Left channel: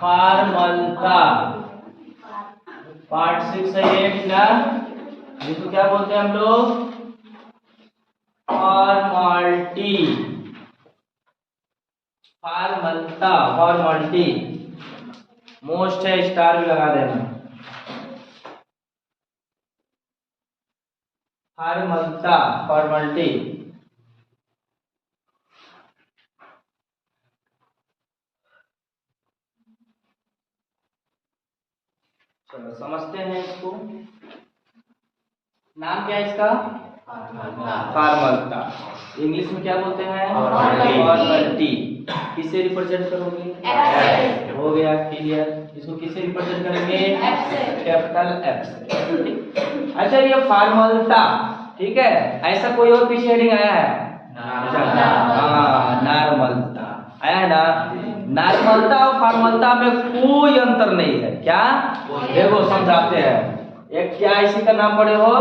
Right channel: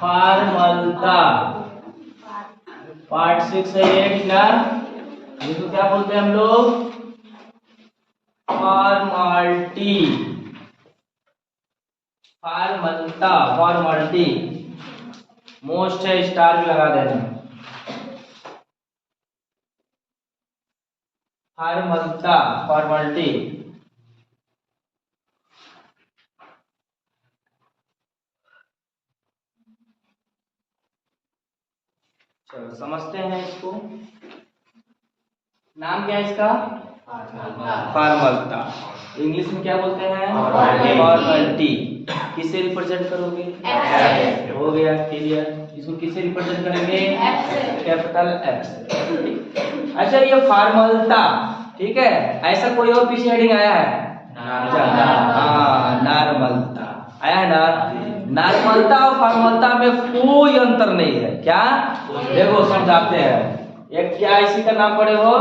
फॉर्मलता। Part 6 है ये ना, जिसको क्या बोलते हैं हम लोग? फॉर्मालिटी। फॉर्मलता, फॉर्मालिटी मोस्ट है, स्टार भी लगा देना। फॉर्मलता, फॉर्मालिटी। चलो समझते हैं इसको। नाम क्या है इसका? फॉर्मलता। इंग्लिश में क्या बोलते हैं? फॉर्मलिटी। किसे रिप्रेजेंट करोगे? हो गया क्लियर। इसको किसे रिप्रेजेंट करेंगे? कैपिटल एफ से। अच्छा ये फॉर्मलता, ठीक है। ऐसा कोई और पीछे हेडिंग आया है? हाँ, नॉर्मलता आया है ना। नॉर्मलता और फॉर्मलता में कोई अंतर नहीं है। क्या? देखो समझाते हैं। एक क्या इसी का नाम पढ़े हो?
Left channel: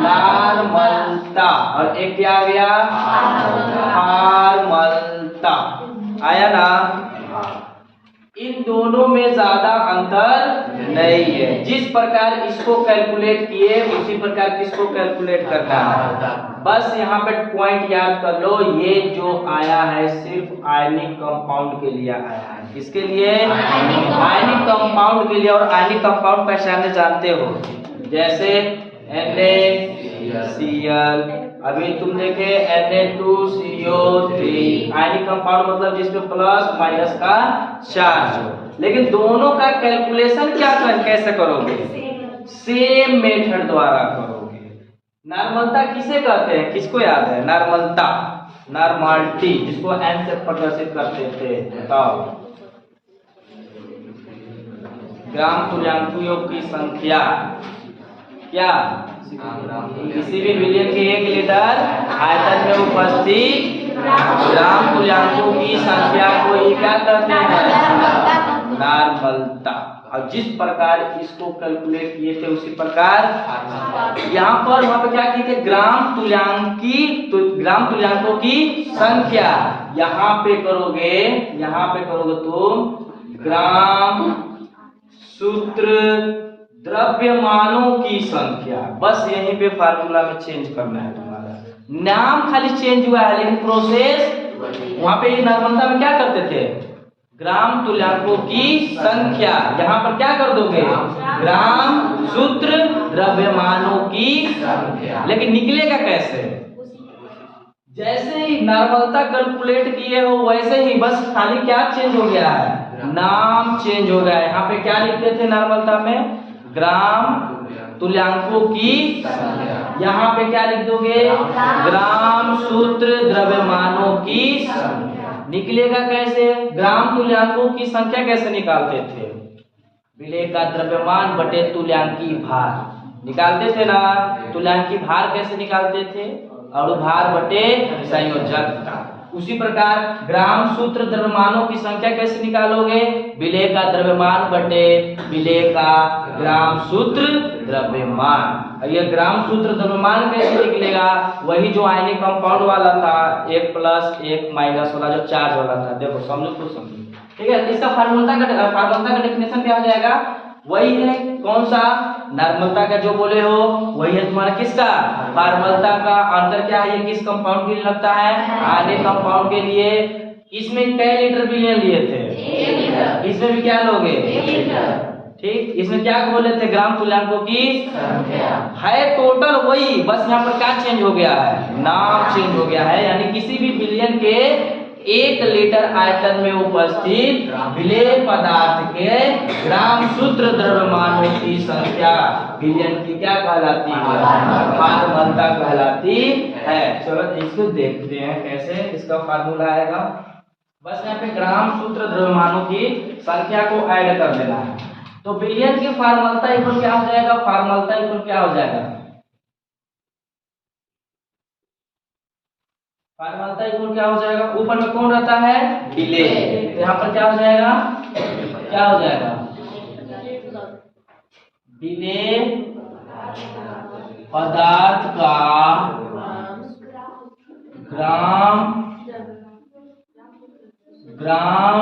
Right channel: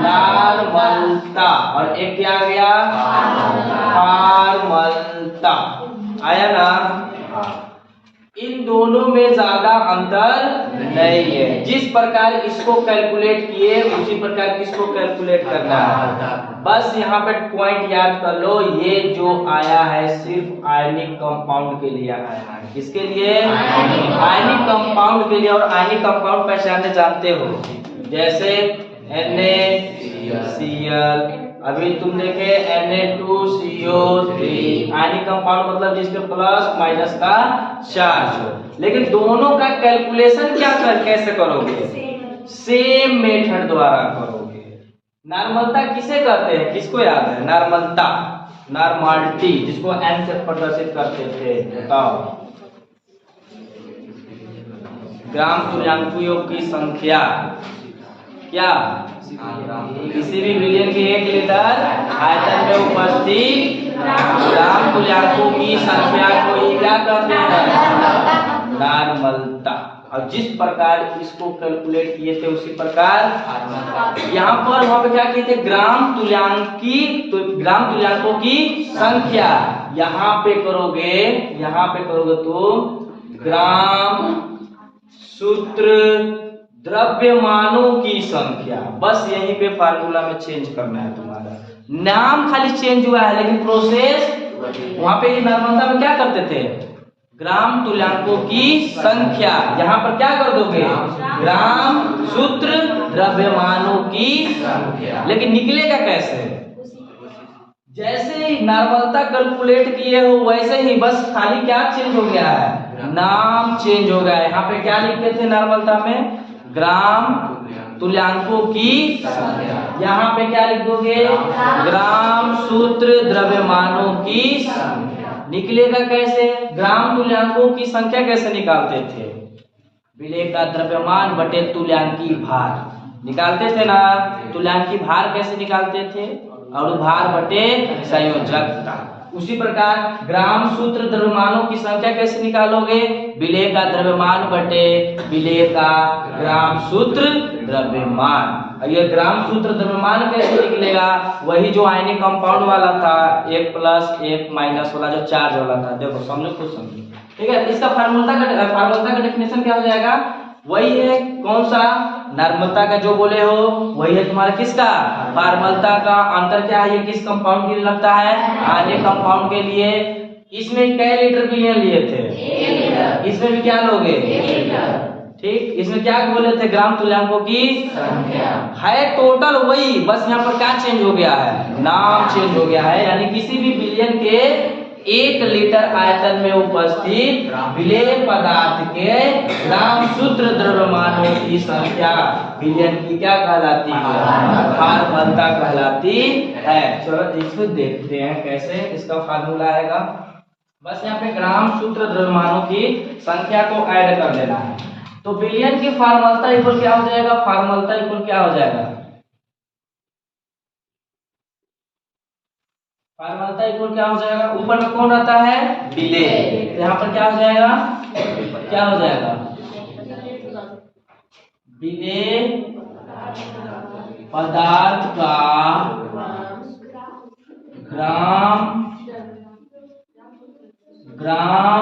नॉर्मलता। और एक क्या आ गया? फॉर्मलता। आया ना। इन दोनों में ज्यादा अंतर नहीं है। जिस प्रकार इसको कैलकुलेट किए उसी प्रकार किसको कैलकुलेट करना है। बस यहाँ पे पॉइंट याद कर लो, ये जो आया है सिर्फ आयनिक कंपाउंड के लिए आया है। किसके लिए? आयनिक कंपाउंड के लिए। और आयनिक कंपाउंड पहचानने जानते हो, जैसे NaCl, अभी तुम देखे Na2CO3। आयनिक कंपाउंड मतलब जिसमें प्लस माइनस का चार्ज हो। लेकिन दोनों का कैलकुलेशन क्या कैसे करोगे? सेम मेथड द्वारा करोगे। नॉर्मलता किसे कहते हैं? किसको याद है? नॉर्मलता, नॉर्मालिटी, जिसको N से प्रदर्शित करते थे। बताओ। ग्राम तुल्यांकों की संख्या क्या? किसी भी विलयन के 1 लीटर आयतन में उपस्थित ग्राम तुल्यांकों की संख्या को ही क्या कहते हैं? नॉर्मलता। और जिस प्रकार इसको कैलकुलेट किए थे उसी प्रकार यहाँ पर वहां पे क्या किए थे? ग्राम तुल्यांकों की संख्या। यहाँ पे करोगे तो ग्राम सूत्र द्रव्यमानों की संख्या। बस यहीं पे फार्मूला में चेंज करना है तुम्हारा। नाम खाली चेंज हुआ है, लेकिन प्रोसेस वहां पे नॉर्मलता में क्या करते थे? ग्राम तुल्यांकों की संख्या। यहाँ पर क्या कर दोगे? ग्राम सूत्र द्रव्यमानों की संख्या। लेकिन निकलेगा कैसे? जैसे ही नॉर्मलता कैलकुलेट किए हो वैसे ही बस खाली क्या चेंज हो गया है? नाम चेंज हो गया है। यहाँ पे क्या लिखते थे नॉर्मलता में? ग्राम तुल्यांकों की संख्या। यहाँ पे क्या लिख दोगे? ग्राम सूत्र द्रव्यमानों की संख्या। निकलेगा कैसे? ग्राम तुल्यांकों की संख्या कैसे निकालते थे? विलेय का द्रव्यमान बटे तुल्यांकी भार निकालते थे ना। तुल्यांकी भार कैसे निकालते थे? और भार बटे संयोजकता। उसी प्रकार ग्राम सूत्र द्रव्यमानों की संख्या कैसे निकालोगे? विलेय का द्रव्यमान बटे विलेय का ग्राम सूत्र द्रव्यमान। ये ग्राम सूत्र द्रव्यमान कैसे निकलेगा? वही जो आयनिक कंपाउंड वाला था, 1 प्लस 1 माइनस वाला जो चार्ज वाला था। देखो समझो कुछ समझो, ठीक है। इसका फार्मूला का डेफिनेशन क्या हो जाएगा? वही है। कौन सा? नॉर्मलता का जो बोले हो वही है तुम्हारा। किसका? फॉर्मलता का। अंतर क्या है? ये किस कंपाउंड के लिए लगता है? आयनिक कंपाउंड के लिए। इसमें कै लीटर विलयन लिए थे? इसमें भी क्या लोगे? ठीक। इसमें क्या बोले थे? ग्राम तुल्यांकों की संख्या है। टोटल वही, बस यहाँ पर क्या चेंज हो गया है? नाम चेंज हो गया है। यानी किसी भी विलयन के 1 लीटर आयतन में उपस्थित विलेय पदार्थ के ग्राम सूत्र द्रव्यमानों की संख्या विलयन की क्या कहलाती है? फॉर्मलता कहलाती है। चलो इसको देखते हैं कैसे इसका फार्मूला आएगा। बस यहाँ पे ग्राम सूत्र द्रव्यमानों की संख्या को ऐड कर लेना है। तो विलयन की फॉर्मलता इक्वल क्या हो जाएगा? फॉर्मलता इक्वल क्या हो जाएगा? फॉर्मलता इक्वल क्या हो जाएगा? ऊपर में कौन आता है? विलेय। यहाँ पर क्या हो जाएगा? क्या हो जाएगा? विलेय पदार्थ का ग्राम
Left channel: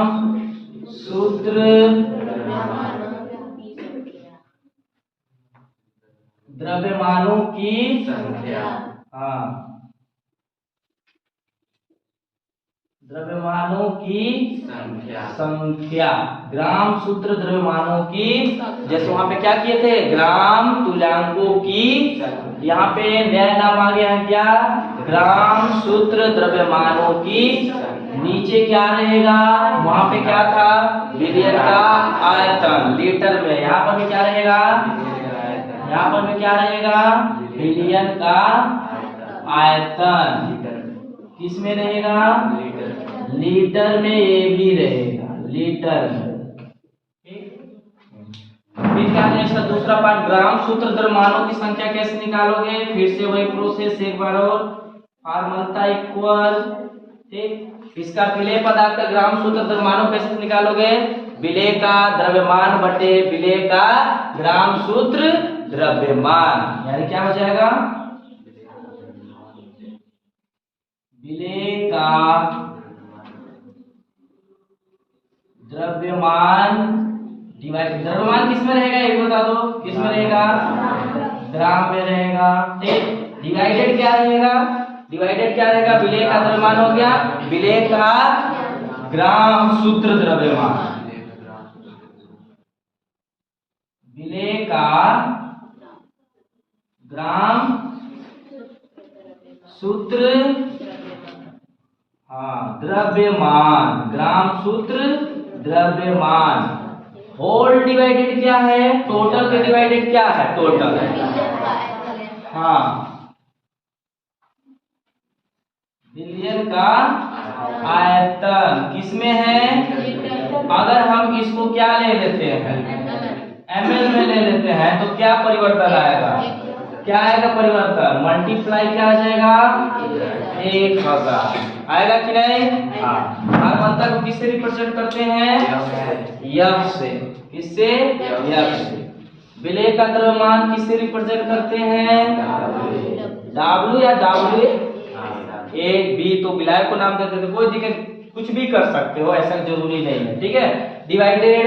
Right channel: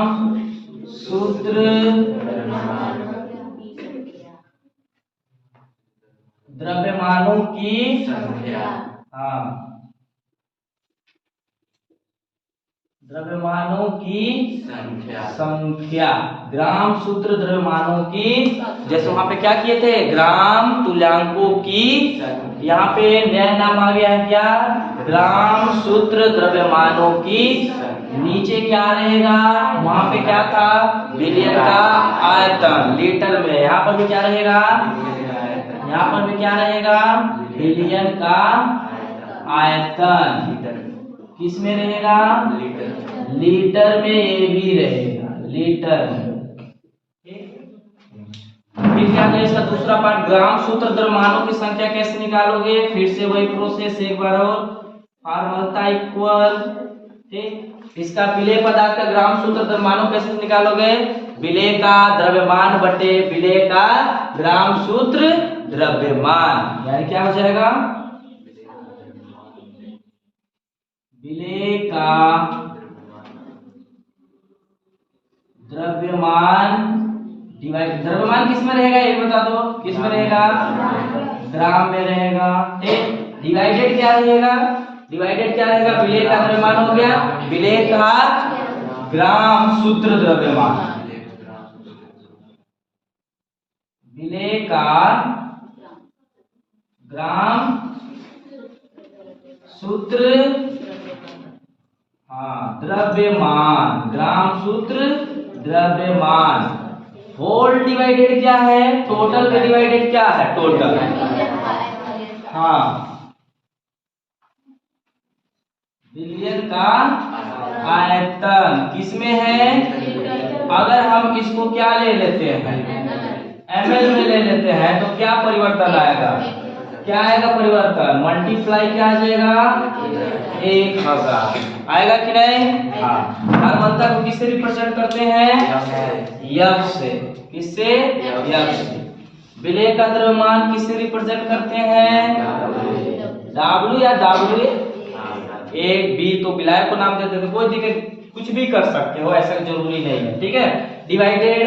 सूत्र द्रव्यमानों की संख्या। हाँ, द्रव्यमानों की संख्या। ग्राम सूत्र द्रव्यमानों की, जैसे वहां पे क्या किए थे, ग्राम तुल्यांकों की, यहाँ पे नया नाम आ गया है क्या, ग्राम सूत्र द्रव्यमानों की। नीचे क्या रहेगा, वहां पे क्या था, विलयन का आयतन लीटर में, यहाँ पर भी क्या रहेगा, यहाँ पर भी क्या रहेगा, विलयन का आयतन किस में रहेगा, लीटर में, ये भी रहेगा लीटर में। फिर क्या करें, इसका दूसरा पार्ट, ग्राम सूत्र द्रव्यमानों की संख्या कैसे निकालोगे, फिर से वही प्रोसेस एक बार और, फॉर्मूला इक्वल, ठीक। इसका विलेय पदार्थ का ग्राम सूत्र द्रव्यमानों कैसे निकालोगे, विलेय का द्रव्यमान बटे विलेय का ग्राम सूत्र द्रव्यमान, यानी क्या हो जाएगा, विलेय का द्रव्यमान डिवाइड, द्रव्यमान किस में रहेगा, ये बता दो, किस में रहेगा, ग्राम में रहेगा, ठीक। डिवाइडेड क्या रहेगा, डिवाइडेड क्या रहेगा, विलेय का द्रव्यमान हो गया, विलेय का ग्राम सूत्र द्रव्यमान, विलेय का ग्राम सूत्र, हाँ, द्रव्यमान, ग्राम सूत्र द्रव्यमान। होल डिवाइडेड क्या है, टोटल पे डिवाइडेड क्या है, टोटल, हाँ, विलयन का आयतन किसमें है, अगर हम इसको क्या ले लेते हैं, ml में ले लेते हैं, तो क्या परिवर्तन आएगा, क्या आएगा परिवर्तन, मल्टीप्लाई क्या आ जाएगा, 1000 आएगा कि नहीं। हाँ, फॉर्मूला को किससे रिप्रेजेंट करते हैं, यफ से, किससे, यफ से। विलेय का द्रव्यमान किससे रिप्रेजेंट करते हैं, W या W, एक बी तो विलायक को नाम देते थे, कोई दिक्कत, कुछ भी कर सकते हो, ऐसा जरूरी नहीं है, ठीक है। डिवाइडेड,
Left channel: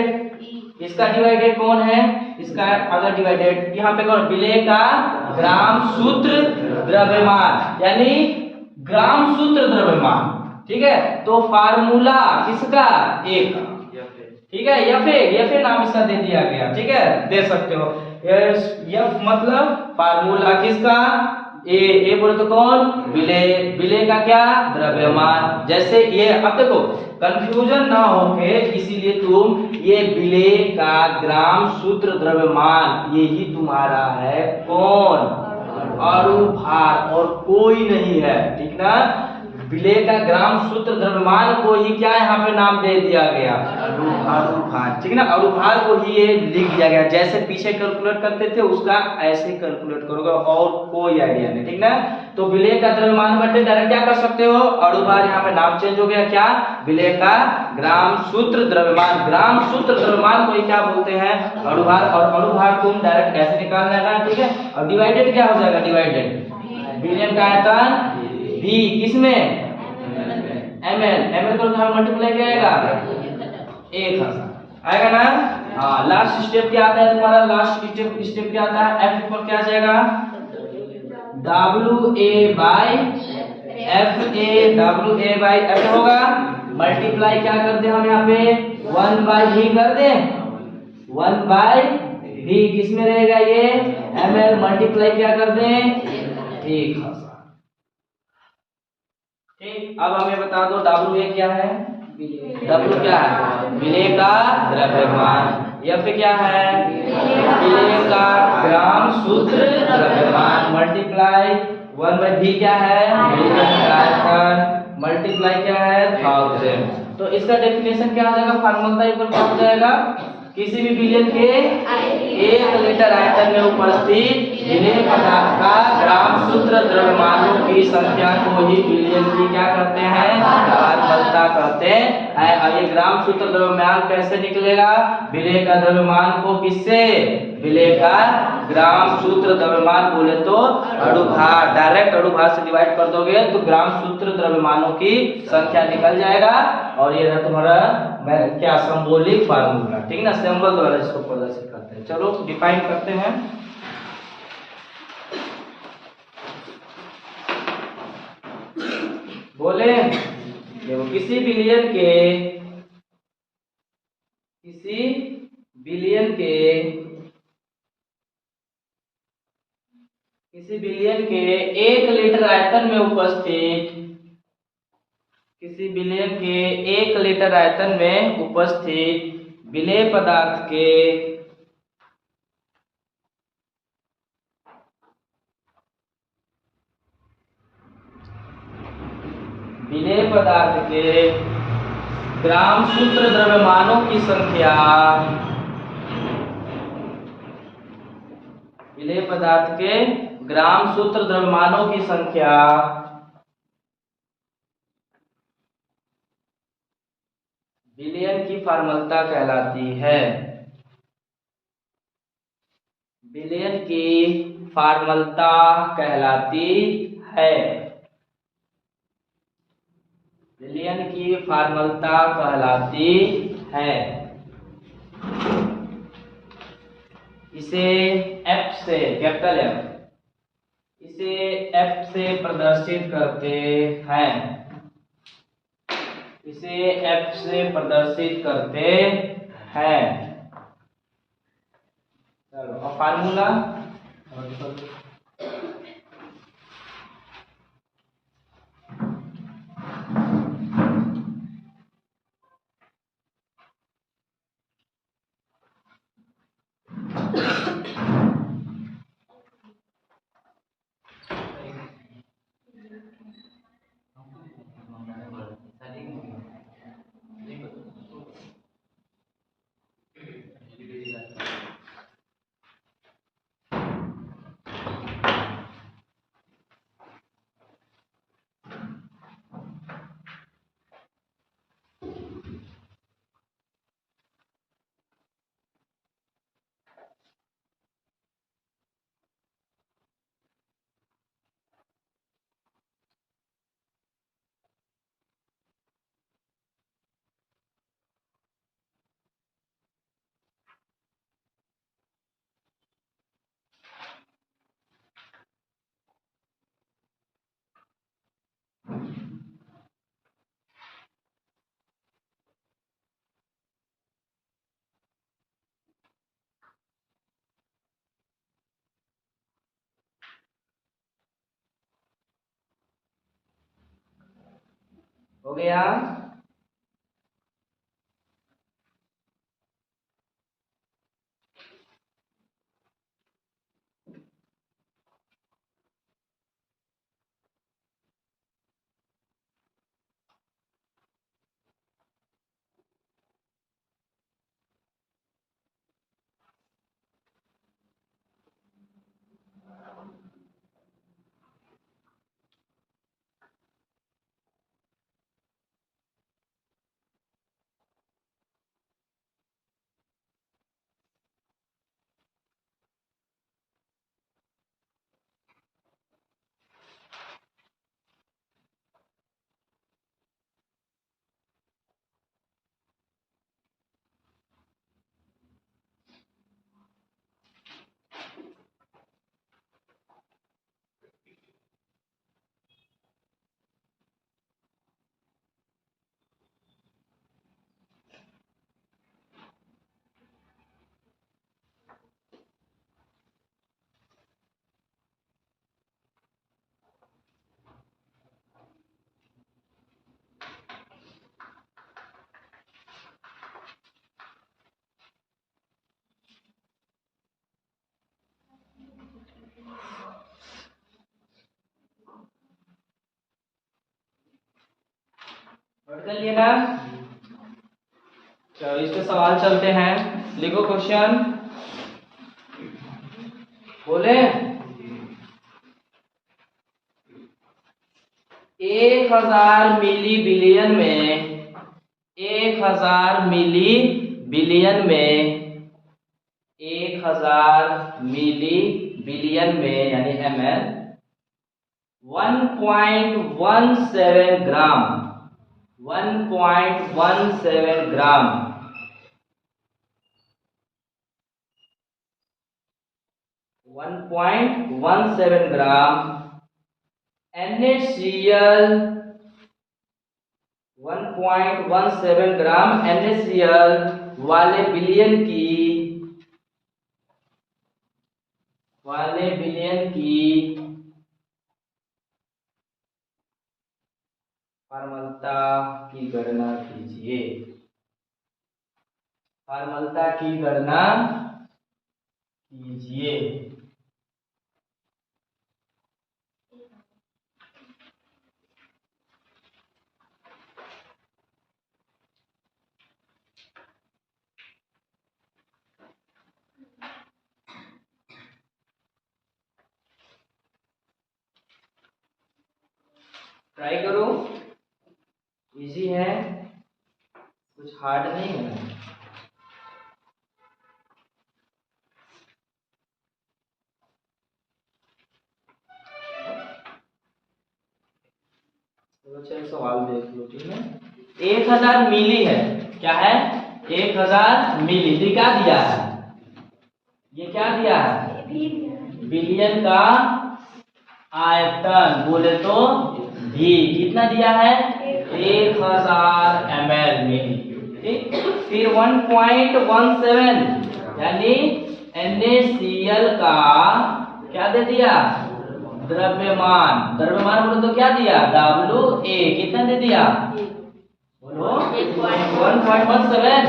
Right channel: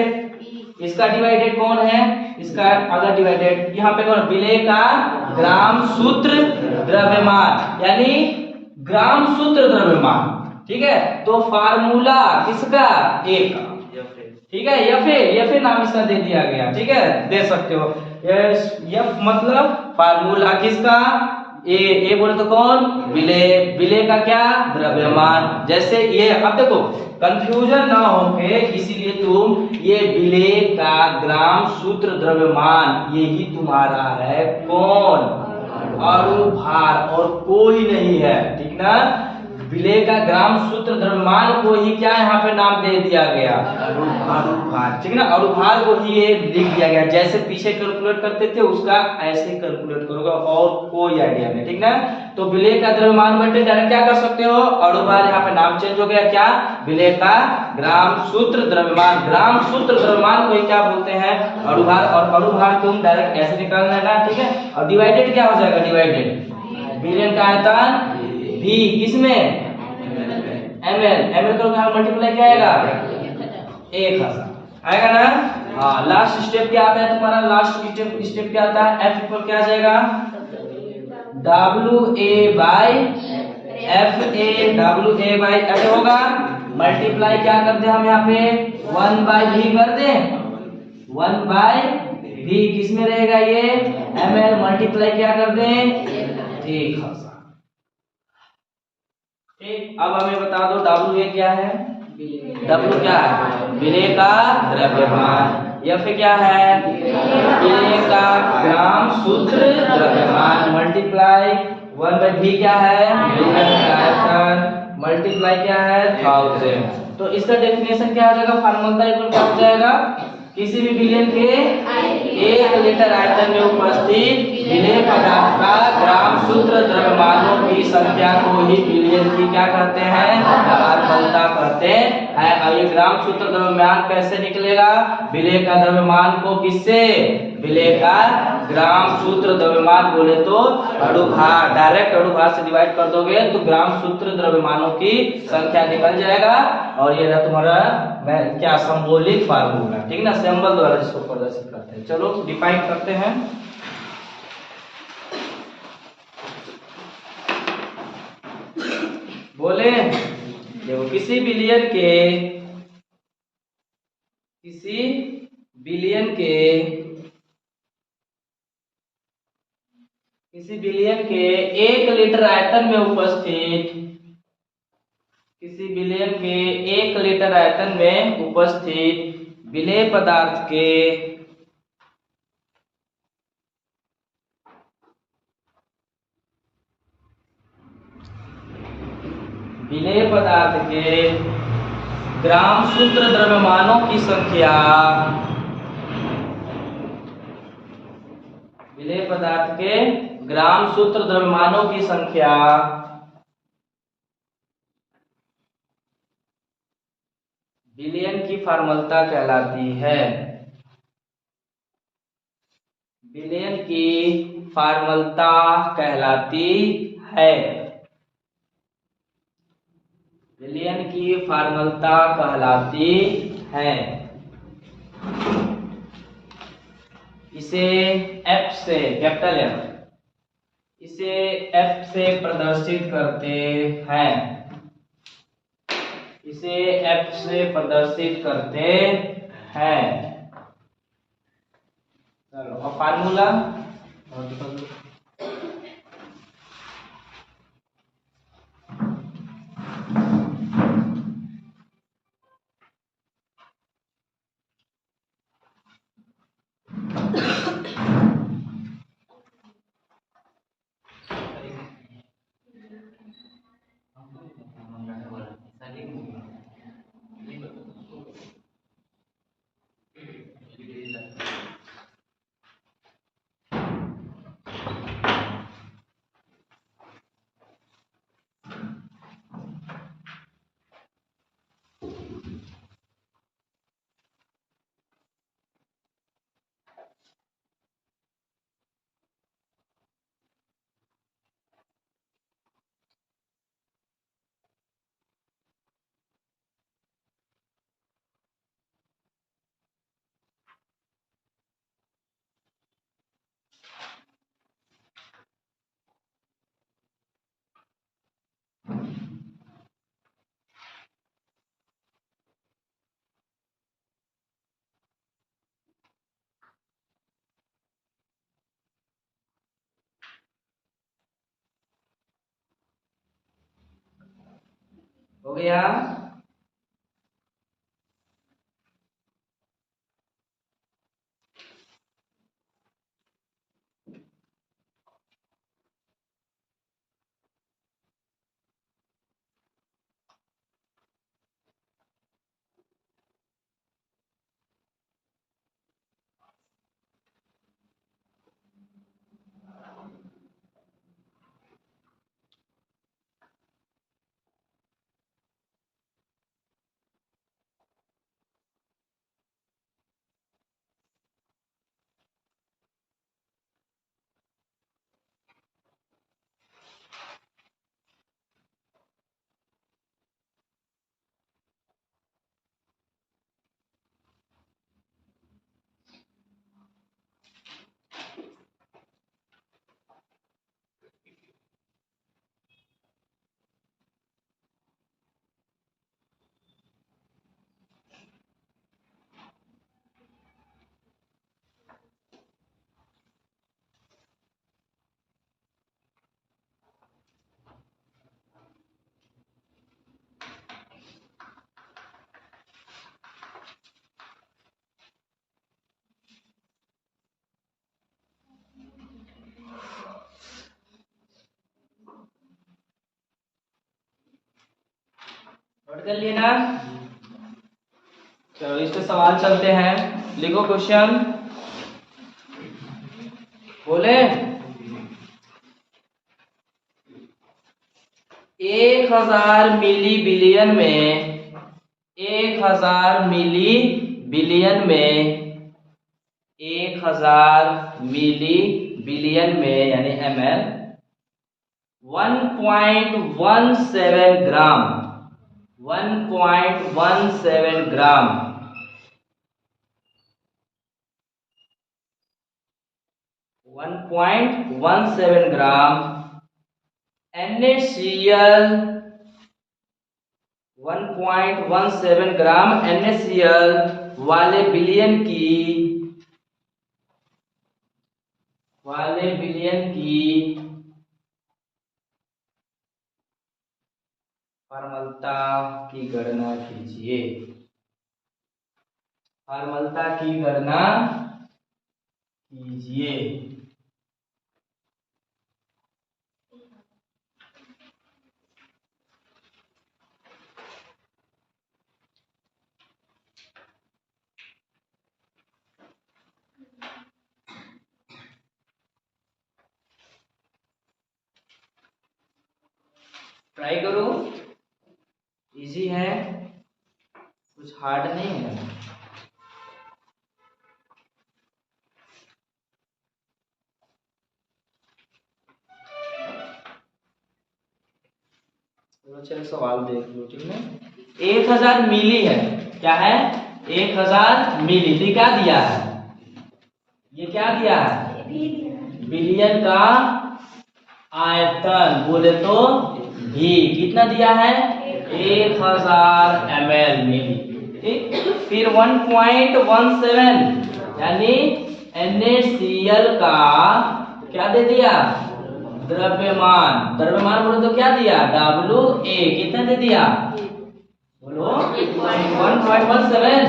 इसका डिवाइडेड कौन है, इसका अगर डिवाइडेड यहाँ पे कौन, विलेय का ग्राम सूत्र द्रव्यमान, यानी ग्राम सूत्र द्रव्यमान, ठीक है। तो फार्मूला किसका, ए का, ठीक है, एफ नाम इसका दे दिया गया, ठीक है, दे सकते हो, एफ मतलब फार्मूला किसका, ए बोले तो कौन, विलेय, विलेय का क्या, द्रव्यमान। जैसे ये, अब देखो कंफ्यूजन ना होके, इसीलिए तुम ये विलेय का ग्राम सूत्र द्रव्यमान, यही तुम्हारा है कौन, अणुभार, और कोई नहीं है, ठीक ना। विलेय का ग्राम सूत्र द्रव्यमान को ही क्या यहाँ पे नाम दे दिया गया, अणुभार, ठीक ना, अणुभार को ही ये लिख दिया गया, जैसे पीछे कैलकुलेट करते थे उसका ऐसे कैलकुलेट करोगे, और कोई आइडिया नहीं, ठीक ना। तो विलेय का द्रव्यमान बटे डायरेक्ट क्या कर सकते हो, अणुभार, यहाँ पे नाम चेंज हो गया, क्या, विलेय का ग्राम सूत्र द्रव्यमान, ग्राम सूत्र द्रव्यमान को ही क्या बोलते हैं, अणुभार, और अणुभार तुम डायरेक्ट ऐसे निकाल लेना, ठीक है। और डिवाइडेड क्या हो जाएगा, डिवाइडेड विलयन का आयतन भी, किसमें, ml को मल्टीप्लाई क्या आएगा, 1000 आएगा ना। हाँ, लास्ट स्टेप क्या आता है तुम्हारा, लास्ट स्टेप क्या आता है, F इक्वल क्या आ जाएगा, WA बाई FA होगा, मल्टीप्लाई क्या कर दे हम यहाँ पे, 1/v कर दे, 1/v किस में रहेगा, ये ml, मल्टीप्लाई क्या कर दे, 1000, ठीक। अब हमें बता दो W क्या है, W क्या है, विलेय का द्रव्यमान, F क्या है, विलेय का ग्राम सूत्र द्रव्यमान, मल्टीप्लाई 1/v क्या है, विलेय का आयतन, मल्टीप्लाई क्या है, 1000। तो इसका डेफिनेशन क्या हो जाएगा, फार्मूला इक्वल क्या हो जाएगा, किसी भी विलयन के 1 लीटर आयतन में उपस्थित विलेय पदार्थ का ग्राम सूत्र द्रव्यमानों की संख्या को ही विलयन की क्या कहते हैं, फॉर्मूला कहते हैं। अब ये ग्राम सूत्र द्रव्यमान कैसे निकलेगा? विलेय का द्रव्यमान को किससे? विलेय का ग्राम सूत्र द्रव्यमान बोले तो अणुभार, डायरेक्ट अणुभार से डिवाइड कर दोगे तो ग्राम सूत्र द्रव्यमानों की संख्या निकल जाएगा। और ये रहा तुम्हारा क्या सिंबॉलिक फार्मूला, ठीक है ना, सिंबल द्वारा जिसको प्रदर्शित करते हैं। चलो डिफाइन करते हैं। बोले देखो किसी बिलियन के 1 लीटर आयतन में उपस्थित, किसी बिलियन के 1 लीटर आयतन में उपस्थित विलेय पदार्थ के ग्राम सूत्र द्रव्यमानों की संख्या, विलेय पदार्थ के ग्राम सूत्र द्रव्यमानों की संख्या विलयन की फॉर्मूलता कहलाती है। विलयन की फॉर्मूलता कहलाती है। विलयन की फॉर्मूलता कहलाती है। इसे F से, कैपिटल F, इसे F से प्रदर्शित करते हैं। इसे F से प्रदर्शित करते हैं। चलो अब फार्मूला हो गया। नोट कर लिए ना? चलो इस पे सवाल चलते हैं। लिखो क्वेश्चन। बोले 1000 मिली बिलियन में 1000 मिली बिलियन में, 1000 मिली बिलियन में यानी ml 1.17 ग्राम, 1.17 ग्राम, 1.17 ग्राम NaCl, 1.17 ग्राम NaCl वाले बिलियन की फॉर्मलता की गणना कीजिए, फॉर्मलता की गणना कीजिए। ट्राई करो, इजी है, कुछ हार्ड नहीं है। चलो सवाल देख लो, ठीक है। 1000 मिली है, क्या है 1000 मिली, तो क्या दिया है, ये क्या दिया है बिलियन का आयतन, बोले तो भी कितना दिया है 1000 ml मिली, ठीक। फिर 1.17 यानी NaCl का क्या दे दिया द्रव्यमान, द्रव्यमान बोले तो क्या दिया WA, कितना दे दिया बोलो 1.17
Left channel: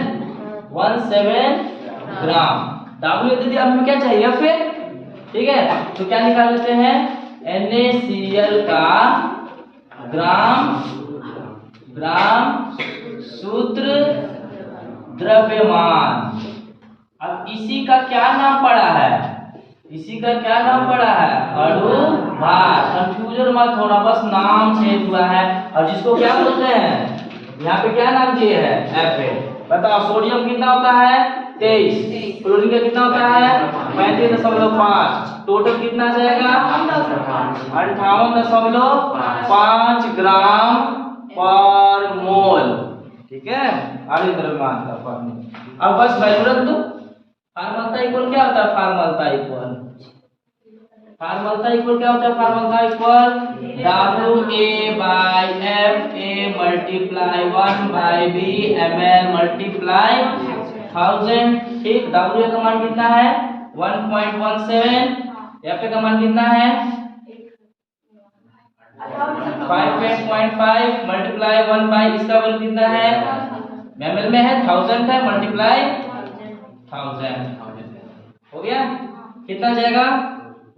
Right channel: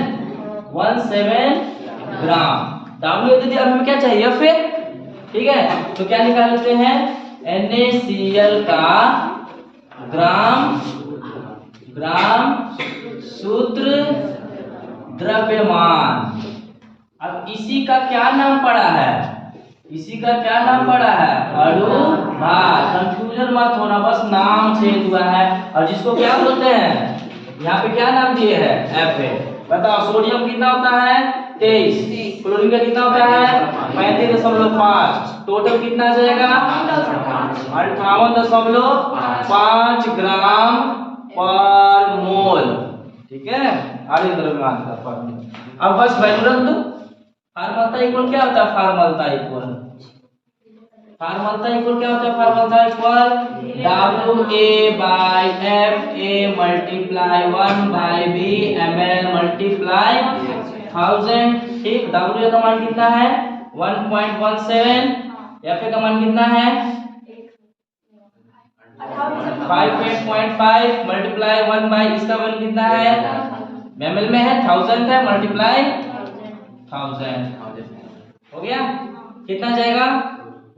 ग्राम WA दे दिया। अब हमें क्या चाहिए फिर, ठीक है, तो क्या निकाल लेते हैं NaCl का ग्राम सूत्र द्रव्यमान। अब इसी का क्या नाम पड़ा है, इसी का क्या नाम पड़ा है अणु भार। कंफ्यूजन मत होना, बस नाम चेंज हुआ है। और जिसको क्या बोलते हैं, यहाँ पे क्या नाम दिए है Fa। बताओ सोडियम कितना होता है 23, क्लोरीन का कितना होता है 35.5, टोटल कितना आ जाएगा 58.5 ग्राम पर मोल, ठीक है। आर्य द्रव्यमान का फॉर्मूला, अब बस वैल्यू रख दो। फॉर्मलता इक्वल क्या होता है, फॉर्मलता इक्वल क्या होता है, formality equal WA by FA multiply 1/B ml multiply 1000, ठीक। WA का मान कितना है 1.17, FA का मान कितना है 58.5 मल्टीप्लाई 1/, इसका मान कितना है ml में है 1000 है, मल्टीप्लाई 1000 हो गया, कितना जाएगा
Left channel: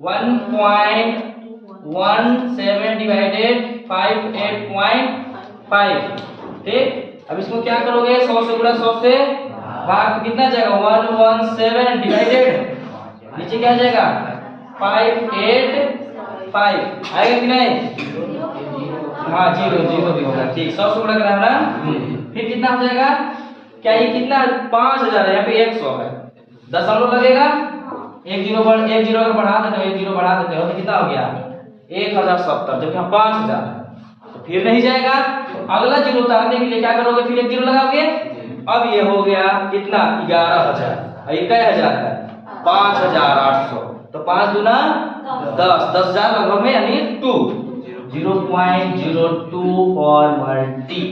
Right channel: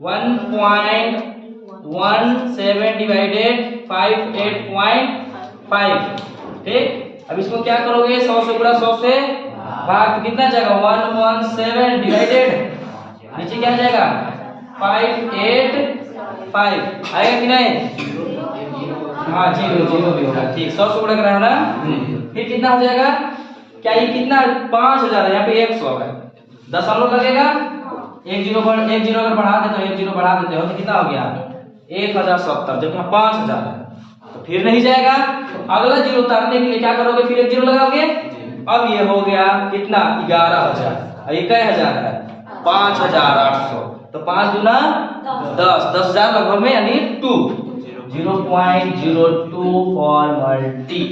1.17 डिवाइडेड 58.5, ठीक। अब इसको क्या करोगे 100 से गुणा 100 से भाग, तो कितना जाएगा 117 डिवाइडेड नीचे क्या जाएगा 585 आएगा कि नहीं, हाँ 0 भी होगा, ठीक। 100 से गुणा करा है ना, फिर कितना हो जाएगा, क्या ये कितना 5000 है, यहाँ पे 100 है, दशमलव लगेगा, एक जीरो अगर बढ़ा देते हो, 1 0 बढ़ा देते हो तो कितना हो गया 1070, जब यहाँ 5000 है तो फिर नहीं जाएगा। अगला जीरो उतारने के लिए क्या करोगे, फिर 1 0 लगाओगे। अब ये हो गया कितना 11000, और ये कै हजार है 5800, तो 5 दूना 10, 10,000 लगभग में यानी 2, 0.02 फॉर मल्टी,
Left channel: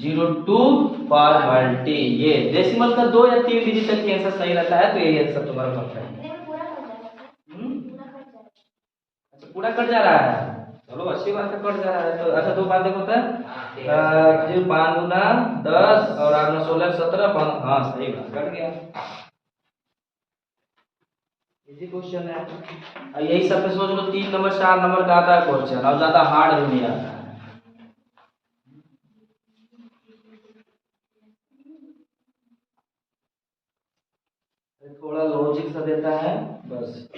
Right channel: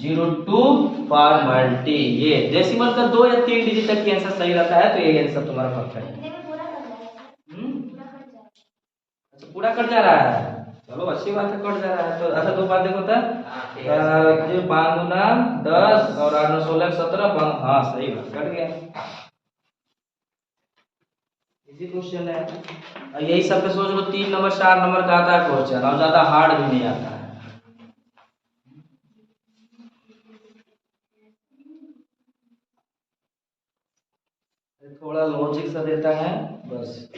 0.02 फॉर मल्टी। ये डेसिमल का 2 या 3 डिजिट तक की आंसर सही रहता है, तो ये आंसर तुम्हारा परफेक्ट है। अच्छा पूरा कट जा रहा है, चलो अच्छी बात है, कट जा रहा है तो। अच्छा दो बात देखो तो जो 5 गुना 10 और 8 9 16 17, हाँ सही बात कट गया, इजी क्वेश्चन है। यही सब पे सोचो 3 नंबर 4 नंबर का आता है क्वेश्चन, और ज्यादा हार्ड भी नहीं आता है। थोड़ा लॉजिक सा देता है बस।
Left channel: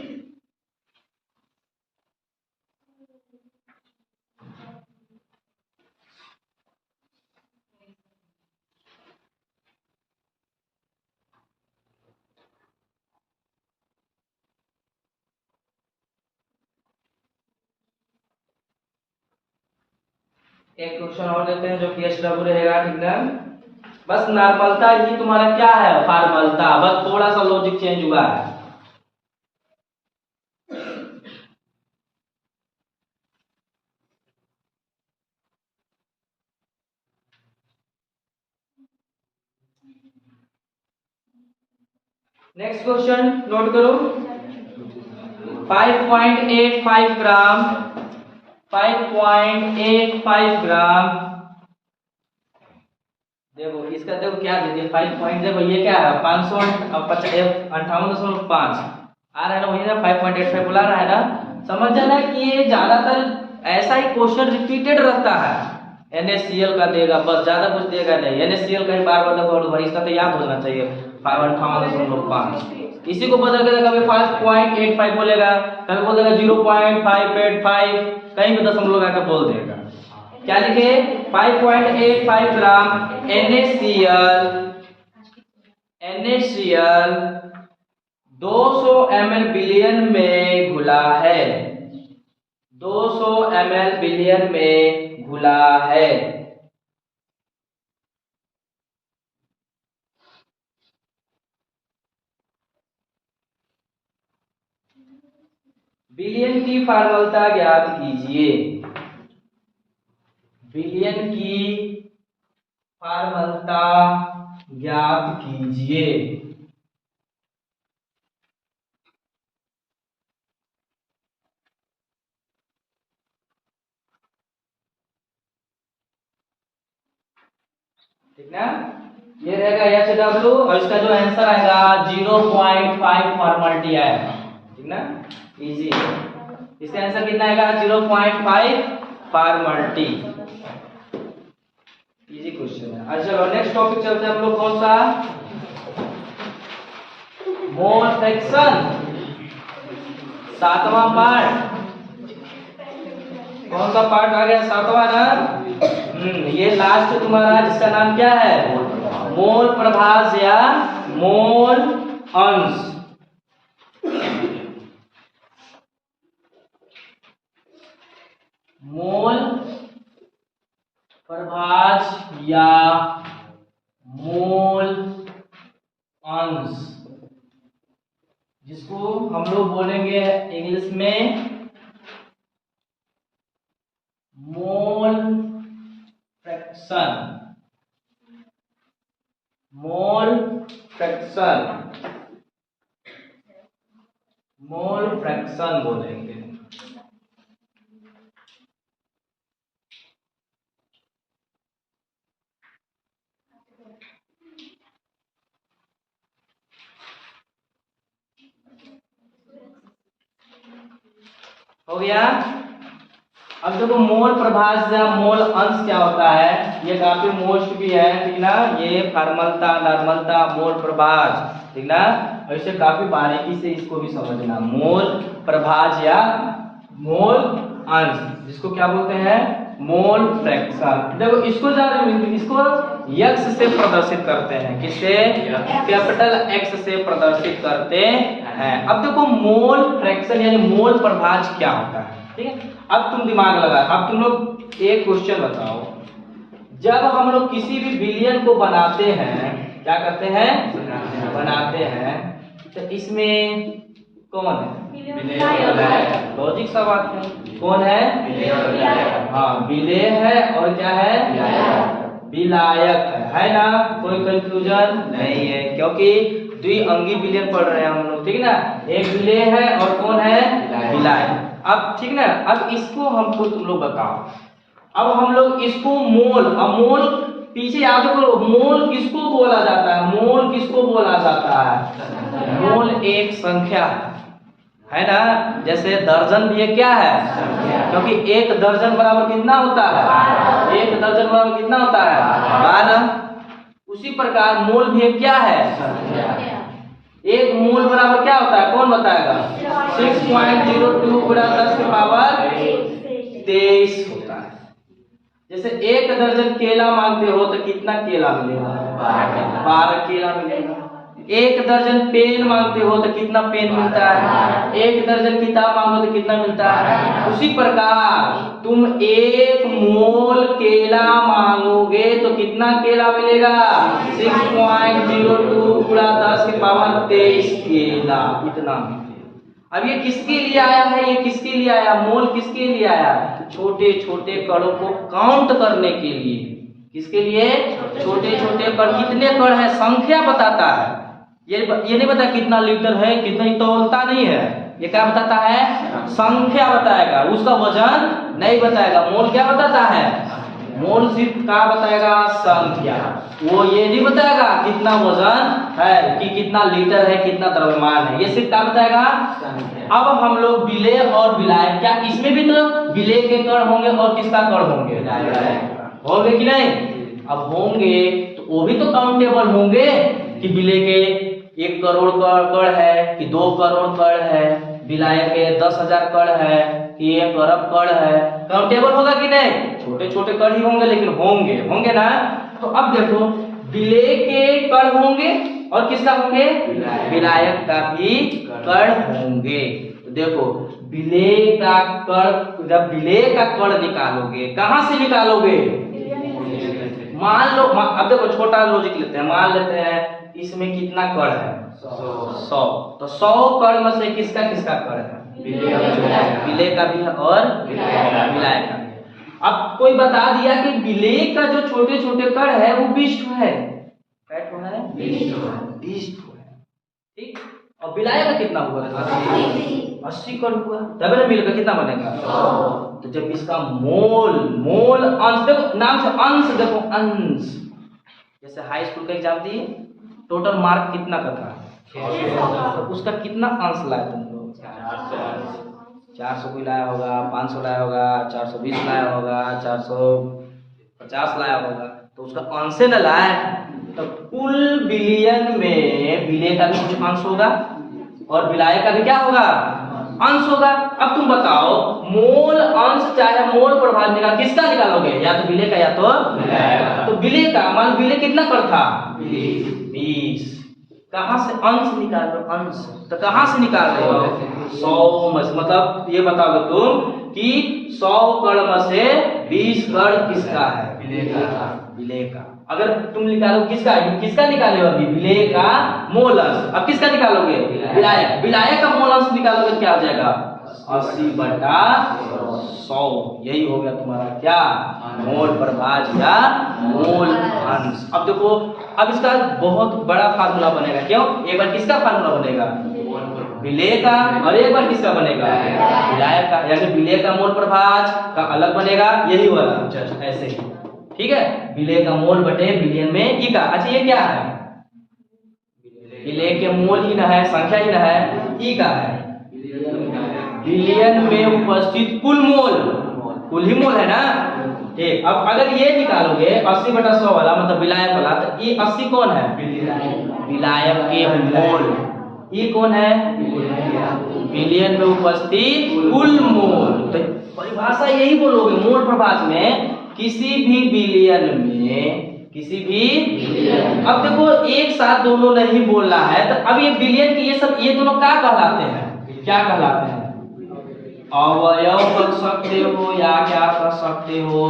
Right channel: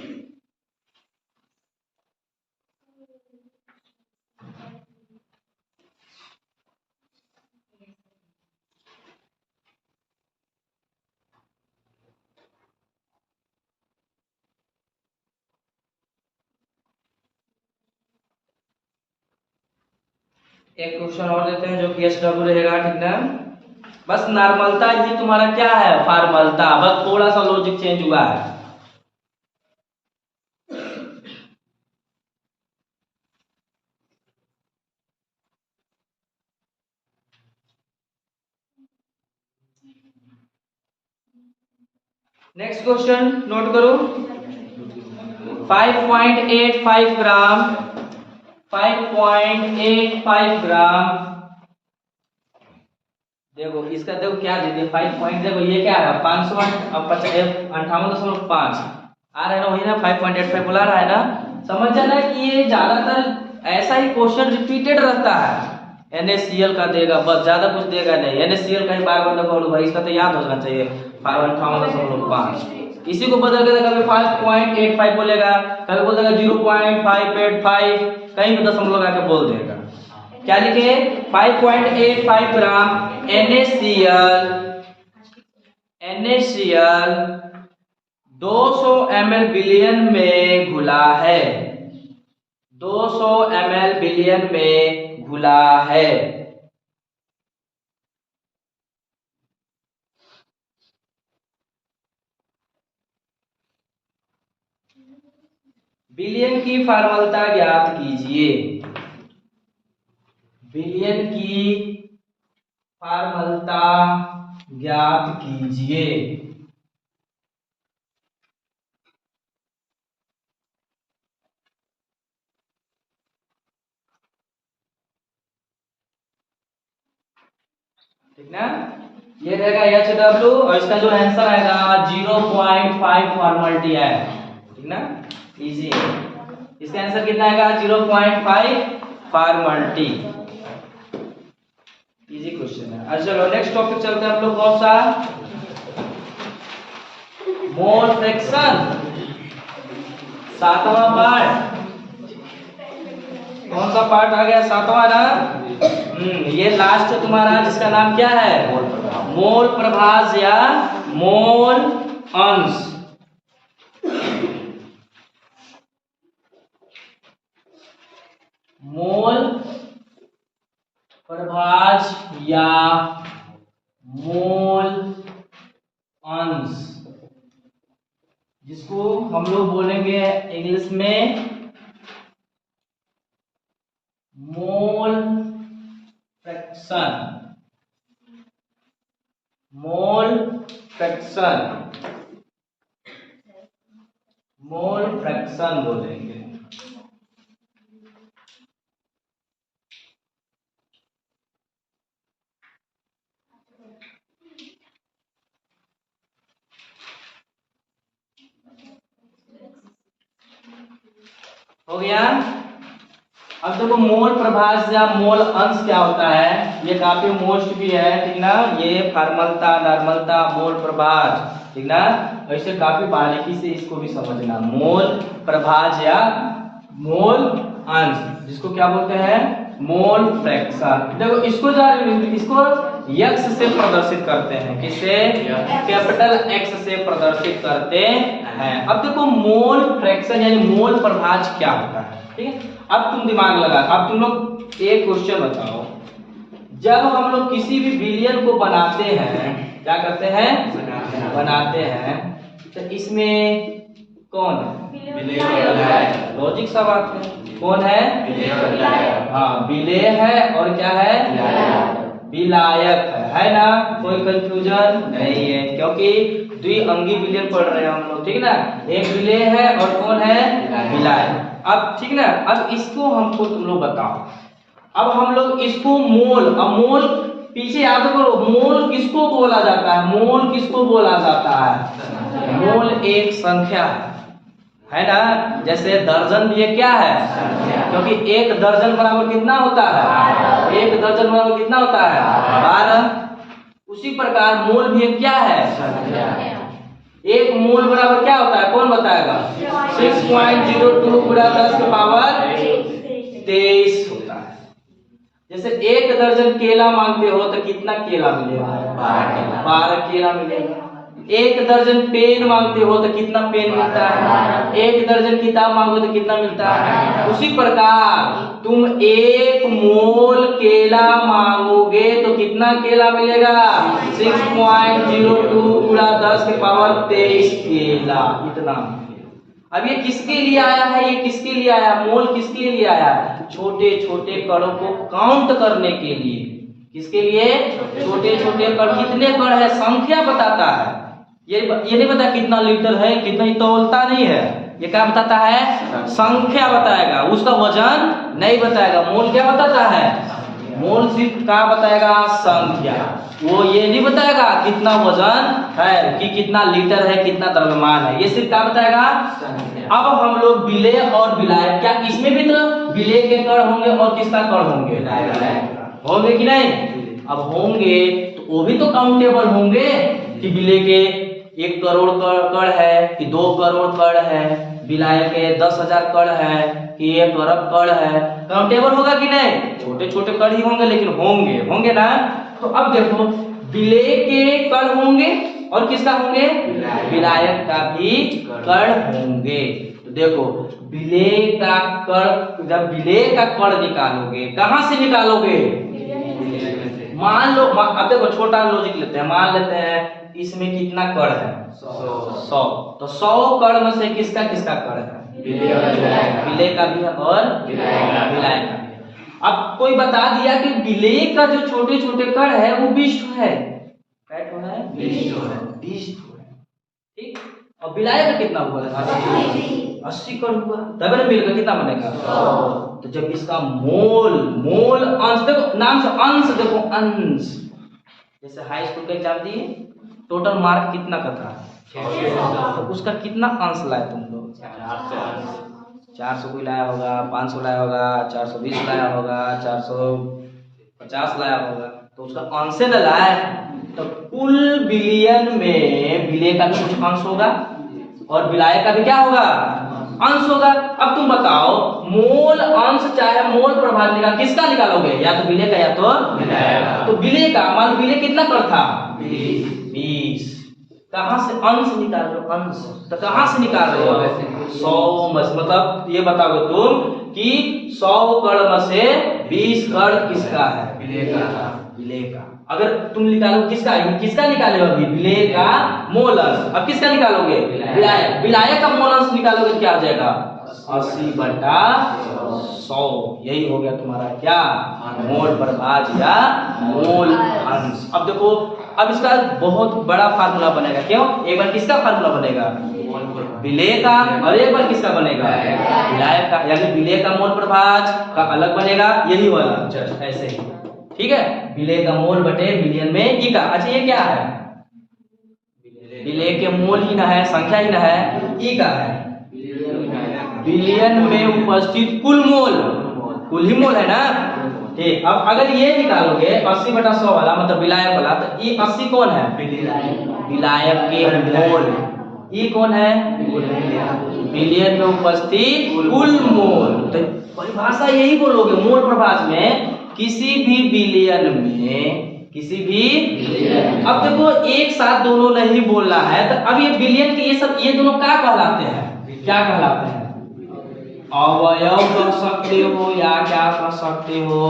एक क्वेश्चन और देते हैं जो कि SW रहेगा, ठीक ना। बस नॉर्मलता ही तुम्हारा क्या है, फॉर्मलता, बस थोड़ा सा लॉजिक चेंज हुआ है। नेक्स्ट क्वेश्चन नोट करो। 5.85 ग्राम, 5.85 ग्राम, देखो इसका देखो क्या दे दिया 5 पॉइंट, देखो ये क्या है 58.5 आ रहा है ना, वही ना 5.85 बुला रहा है ना। समझ जाना कि ये ज्यादातर ऐसा ही क्वेश्चन रिपीटेड रहता है। NaCl का देगा, बस ज्यादा कुछ देगा नहीं। NaCl का ही बार बार देखो भाई, इसका तो याद होना चाहिए 58.5। इसी को बदल के कभी 5.85 बोलेगा, कभी बोल देगा 0.585, कहीं भी दशमलव लगा के बोल देगा। क्या लिखे 5.85 ग्राम NaCl 200 ml बिलियन में घुला है, 200 ml बिलियन में घुला है। बिलियन की फॉर्मूला ज्ञात कीजिए, बिलियन की फॉर्मूला ज्ञात कीजिए। ठीक ना, ये रहेगा HW और इसका जो आंसर आएगा 0.5 फॉर्मलिटी आएगा। ठीक ना, इजी है। इसका आंसर कितना आएगा 0.5 फॉर्मलिटी। इजी क्वेश्चन है। अच्छा चलो नेक्स्ट टॉपिक चलते हैं हम लोग, कौन सा, मोल फ्रैक्शन, 7वां पार्ट। कौन सा पार्ट आ गया, 7वां ना। ये लास्ट तुम्हारा जिसका नाम क्या है, मोल प्रभाज या मोल अंश। मोल प्रभाज या मोल अंश, जिसको हम लोग बोलेंगे इंग्लिश में mole fraction, mole fraction, mole fraction बोलेंगे। हो गया। अब देखो मोल प्रभाज या मोल अंश क्या होता है, ये काफी मोस्ट भी है, ठीक ना। ये फॉर्मलता, नॉर्मलता, मोल प्रभाज, ठीक ना। ऐसे काफी बारीकी से इसको भी समझना। मोल प्रभाज या मोल अंश, जिसको क्या बोलते हैं, मोल फ्रैक्शन। देखो इसको इसको यक्स से प्रदर्शित करते हैं, किससे, कैपिटल एक्स से प्रदर्शित करते हैं। अब देखो मोल फ्रैक्शन यानी मोल प्रभाज क्या होता है, ठीक है। अब तुम दिमाग लगा, अब तुम लोग एक क्वेश्चन बताओ, जब हम लोग किसी भी बिलियन को बनाते हैं, क्या करते हैं, बनाते हैं, तो इसमें कौन है, लॉजिक सा बात है, कौन है, हाँ विलेय है, और क्या है, विलायक है ना। कोई कंफ्यूजन नहीं है, क्योंकि द्विअंगी विलेय पढ़ रहे हैं हम लोग, ठीक ना। एक विलेय है और कौन है, विलायक। अब ठीक ना, अब इसको हमको तुम लोग बताओ। अब हम लोग इसको मोल, अब मोल पीछे याद करो, मोल किसको बोला जाता है, मोल किसको बोला जाता है, मोल एक संख्या है ना। जैसे दर्जन ये क्या है, क्योंकि एक दर्जन बराबर कितना होता है, एक दर्जन बराबर कितना होता है, 12। उसी प्रकार मोल भी एक क्या है, एक मोल बराबर क्या होता है, कौन बताएगा, 6.02 गुणा 10 की पावर 23 होता है। जैसे एक दर्जन केला मांगते हो तो कितना केला मिलेगा, 12 केला मिलेगा। एक दर्जन पेन मांगते हो तो कितना पेन मिलता है? एक दर्जन किताब मांगो तो कितना मिलता है? उसी प्रकार तुम एक मोल केला मांगोगे तो कितना केला मिलेगा? 6.02 गुणा 10⁻23 केला, इतना। अब ये किसके लिए आया है? ये किसके लिए आया? मोल किसके लिए आया? छोटे छोटे कणों को काउंट करने के लिए। किसके लिए? छोटे छोटे कण। कितने कण है संख्या बताता है। ये नहीं बताया कितना लीटर है, कितना, तौलता नहीं है। ये क्या बताता है? संख्या बताएगा, उसका वजन नहीं बताएगा। मोल क्या बताता है? मोल सिर्फ क्या बताएगा? संख्या। वो ये नहीं बताएगा कितना वजन है, कि कितना लीटर है, कितना द्रव्यमान है। ये सिर्फ क्या बताएगा? अब हम लोग विलेय और विलायक, क्या इसमें भी तो विलेय के कण होंगे और किसका कण होंगे? होंगे कि नहीं? अब होंगे तो वो भी तो काउंटेबल होंगे कि विलेय के 1 करोड़ कण है कि 2 करोड़ कण है, विलायक के 10,000 कण है कि 1 अरब कण है। काउंटेबल होगा कि नहीं? छोटे छोटे कण ही होंगे, लेकिन होंगे ना। तो अब देखो, विलेय के कण होंगे और किसका होंगे? विलायक का भी कण होंगे। तो देखो, विलेय का कण, जब विलेय का कण निकालोगे, कहां से निकालोगे? मान लो, अब देखो छोटा लॉजिक लेते हैं। मान लेते हैं इसमें कितना कण है? 100। तो 100 कण में से किसका किसका कण है? विलेय का भी है और विलायक का। अब कोई बता दिया कि विलेय का जो छोटे छोटे कण है वो 20 है। क्या है? 20 है। ठीक। और विलायक का कितना हुआ? 80 कण हुआ। तब ना मिलकर कितना बनेगा? 100। तो जब इसका मोल अंश, देखो नाम से अंश, देखो अंश, जैसे हाई स्कूल का एग्जाम दिए, टोटल मार्क कितना का था? 600। तो उसका कितना अंश लाए तुम लोग? 400 कोई लाया होगा, 500 लाया होगा, 420 लाया होगा, 450 लाया होगा। तो उसका अंश न लाए। तो कुल बिलियन में विलेय का भी कुछ अंश होगा और विलायक का भी क्या होगा? अंश होगा। अब तुम बताओ, मोल अंश चाहे मोल प्रभाज निकाल, किसका निकालोगे? या तो विलेय का या तो विलायक का। तो विलेय का, मान विलेय कितना कण था? 20। कहां से अंश निकाल रहे हो? अंश तो कहां से निकाल रहे हो? 100 में। मतलब ये बताओगे तुम कि 100 कण में से 20 कण किसका है? विलेय का। अगर तुम निकालो किसका निकालोगे? अभी विलेय का मोल अंश। अब किसका निकालोगे? विलायक। विलायक का मोल अंश निकालोगे क्या हो जाएगा? 80/100। यही हो गया तुम्हारा क्या? मोल प्रभाज या मोल अंश। अब देखो, अब इसका बहुत बड़ा फार्मूला बनेगा। क्यों? एक बार किसका फार्मूला बनेगा? विलेय का। और एक बार किसका बनेगा? विलायक का। यानी विलेय का मोल प्रभाज का अलग बनेगा। यही होगा जस्ट ऐसे ही। ठीक है। विलेय का मोल बटे बिलियन में ई का। अच्छा, ये क्या है? विलेय के मोल ही ना है, संख्या ही ना है, ई का है। बिलियन में उपस्थित कुल मोल, कुल ही मोल है ना। ठीक। अब अगर ये निकालोगे 80/100 वाला, मतलब विलायक वाला, तो ये 80 कौन है? विलायक के मोल। ये कौन है? बिलियन में उपस्थित कुल मोल। तो परिभाषा यही बोलोगे मोल प्रभाज में, किसी भी बिलियन में, किसी भी बिलियन। अब देखो एक साथ दोनों नहीं बोलना है, तो अब ये बिलियन के ये दोनों क्या कहलाते हैं? क्या कहलाते हैं? अवयव कह सकते हो या क्या कह सकते हो?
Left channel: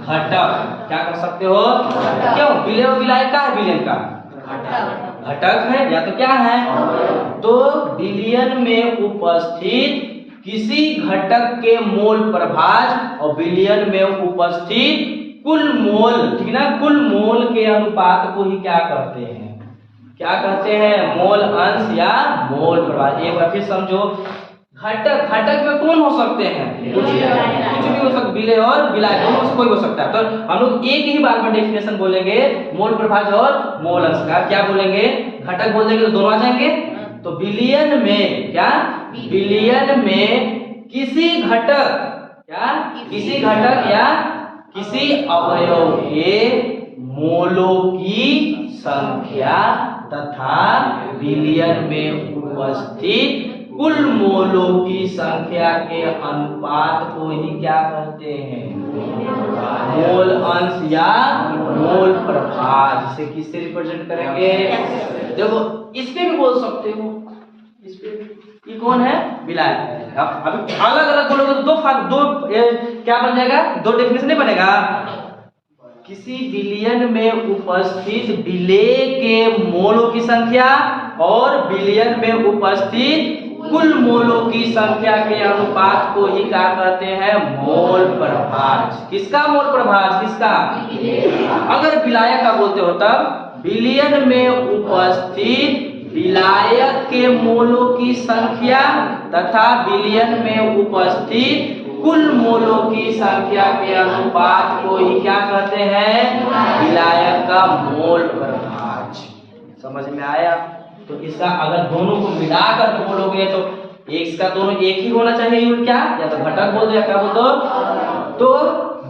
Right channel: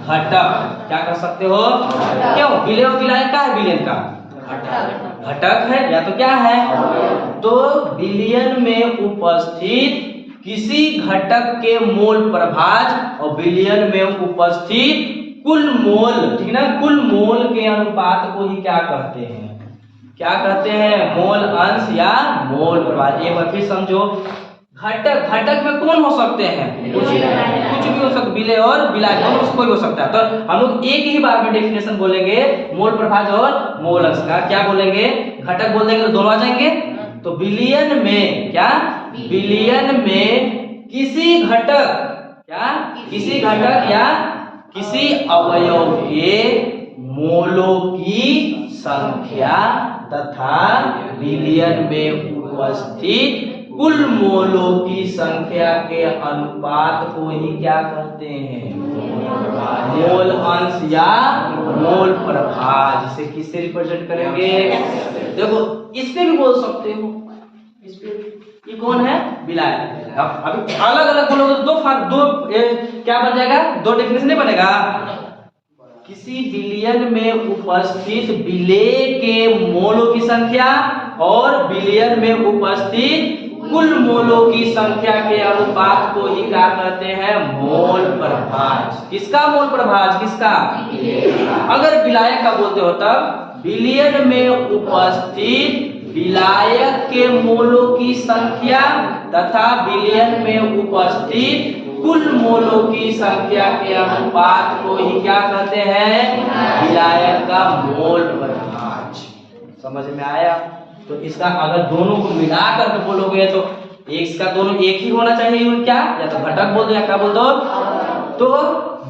घटक। क्या कर सकते हो? क्यों? विलेय और विलायक का है, बिलियन का घटक है या तो क्या है? तो बिलियन में उपस्थित किसी घटक के मोल प्रभाज और बिलियन में उपस्थित कुल मोल, ठीक ना, कुल मोल के अनुपात को ही क्या कहते हैं? क्या कहते हैं? मोल अंश या मोल प्रभाज। एक बार फिर समझो, घटक में कौन हो सकते हैं? कुछ भी हो सकता, विलेय और विलायक दोनों से कोई हो सकता है। तो हम लोग एक ही बार में डेफिनेशन बोलेंगे मोल प्रभाज और मोल अंश का। क्या बोलेंगे? घटक बोल देंगे तो दोनों आ जाएंगे। तो बिलियन में क्या? बिलियन में किसी घटक, क्या? किसी घटक या किसी अवयव के मोलों की संख्या तथा बिलियन में उपस्थित कुल मोलों की संख्या के अनुपात को ही क्या कहते हैं? मोल अंश या मोल प्रभाज। इसे किससे रिप्रेजेंट करेंगे? देखो इस पे भी बोल सकते हो, इस पे ये कौन है? विलायक। अब अलग अलग बोलोगे तो क्या बन जाएगा? दो डेफिनेशन नहीं बनेगा। किसी विलयन में उपस्थित विलेय के मोलों की संख्या और विलयन में उपस्थित कुल मोलों की संख्या के अनुपात को ही क्या कहते हैं? मोल प्रभाज। किसका मोल प्रभाज? किसका? अगर विलायक का बोलते हो तब विलयन में उपस्थित विलायक के मोलों की संख्या तथा विलयन में उपस्थित कुल मोलों की संख्या के अनुपात को ही क्या कहते हैं? विलायक का मोल प्रभाज। समझ में आया? तो इसका अगर दोनों को मिलाकर के बोलोगे तो इसका दोनों एक ही होना चाहिए यूनिट। क्या या तो घटक बोल दो या क्या बोल दो? तो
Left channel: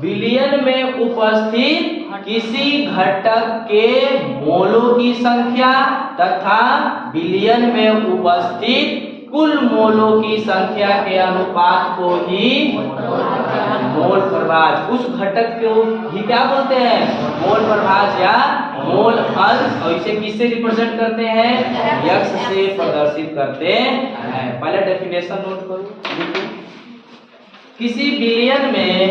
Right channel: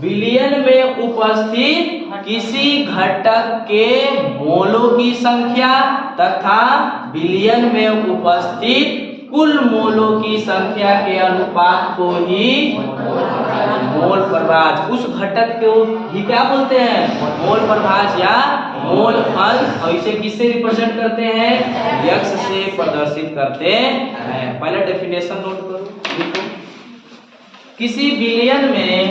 विलयन में उपस्थित किसी घटक के मोलों की संख्या तथा विलयन में उपस्थित कुल मोलों की संख्या के अनुपात को ही मोल प्रभाज। उस घटक को ही क्या बोलते हैं? मोल प्रभाज या मोल अंश। और इसे किससे रिप्रेजेंट करते हैं? यक्स से प्रदर्शित करते हैं। पहला डेफिनेशन नोट करो। किसी विलयन में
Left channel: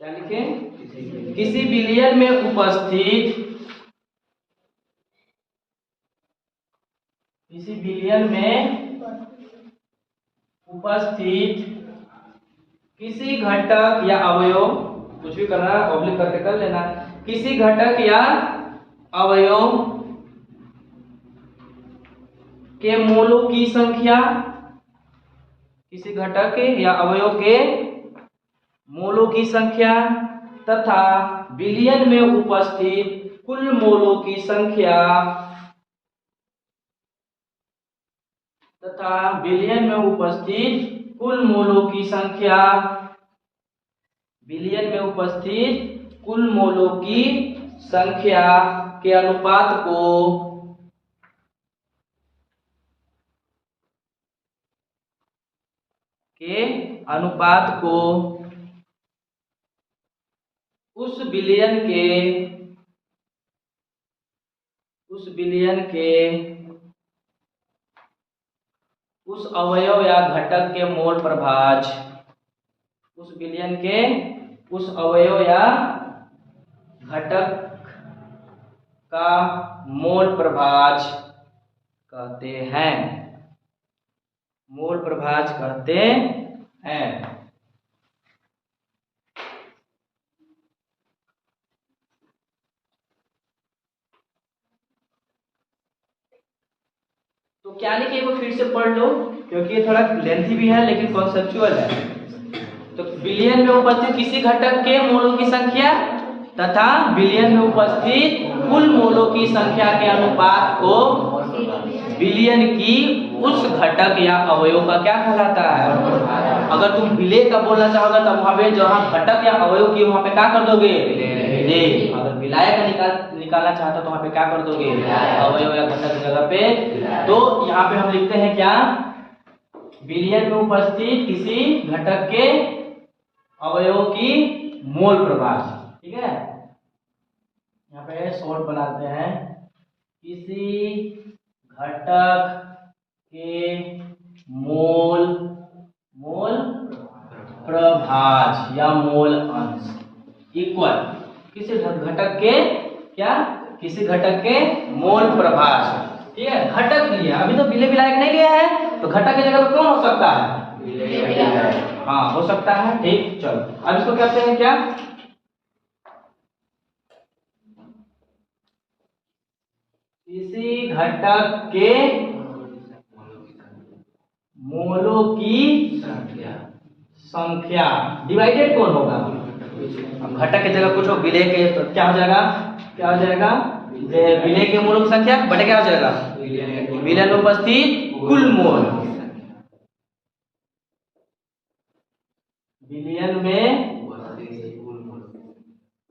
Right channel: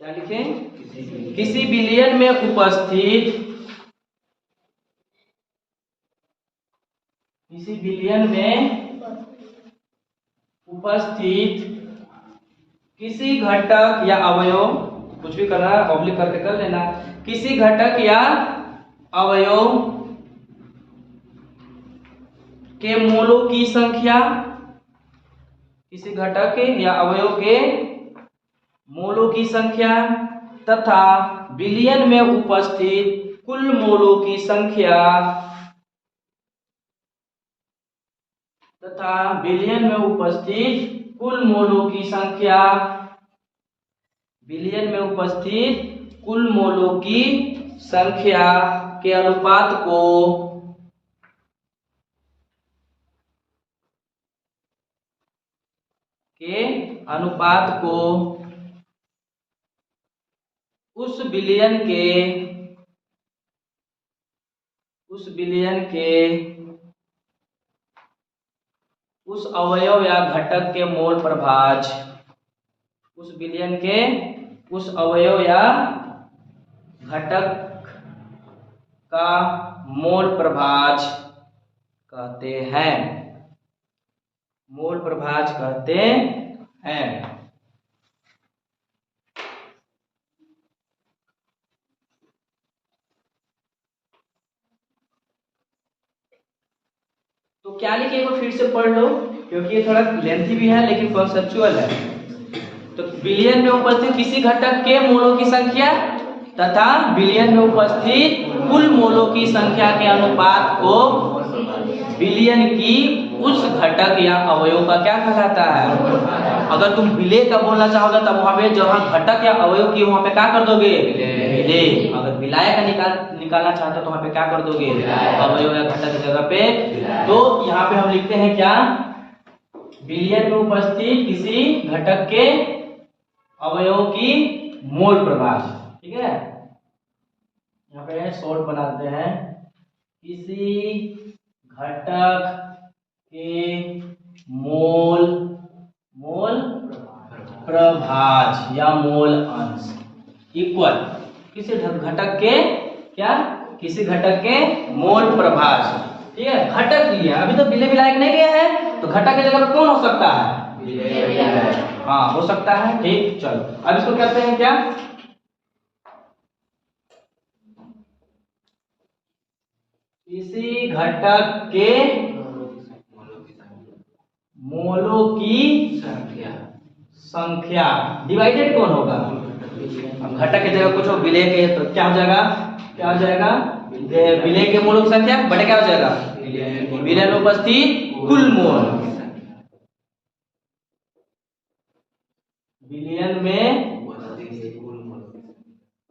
क्या लिखें? किसी विलयन में उपस्थित किसी घटक या अवयव, कुछ भी करना ऑब्लिक करके कर लेना, किसी घटक या अवयव के मोलों की संख्या, किसी घटक या अवयव के मोलों की संख्या तथा विलयन में उपस्थित कुल मोलों की संख्या विलयन में उपस्थित कुल मोलों की संख्या के अनुपात को उस विलयन के उस अवयव या घटक के मोल प्रभाज, उस विलयन के उस अवयव या घटक का मोल प्रभाज कहते हैं। मोल प्रभाज कहते हैं। तो क्या लिखे वो फिर से पढ़ लो, क्योंकि ये थोड़ा लेंथी भी है लेकिन कॉन्सेप्चुअल है। तो विलयन में उपस्थित किसी घटक के मोलों की संख्या तथा विलयन में उपस्थित कुल मोलों की संख्या के अनुपात को विलयन की उस घटक या अवयव का क्या कहलाता है? अगर तुम विलेय का बोलना चाहोगे तब वहां पे जहां घटक या अवयव की वहां पे क्या कर दोगे? विलेय। अगर विलायक का निकालना चाहते तो वहां पे क्या कर दोगे? अवयव या घटक की जगह पे। तो यहाँ पे हम लिखते हैं क्या? विलयन में उपस्थित किसी घटक के अवयव की मोल प्रभाज। ठीक है, यहाँ पे शॉर्ट बनाते हैं। किसी घटक के मोल प्रभाज या मोल अंश इक्वल किसी घटक के क्या? किसी घटक के मोल प्रभाज। ठीक है, घटक लिया, अभी तो विलेय विलायक नहीं लिया है, तो घटक की जगह पे कौन हो सकता है? विलेय। हाँ हो सकता है। ठीक, चलो अब इसको कहते हैं क्या? किसी घटक के मोलों की संख्या डिवाइडेड कौन होगा? अब घटक की जगह कुछ विलेय के, तो क्या हो जाएगा? क्या हो जाएगा? विलेय के मोलों की संख्या बटे क्या हो जाएगा? विलयन में उपस्थित कुल मोल। विलयन में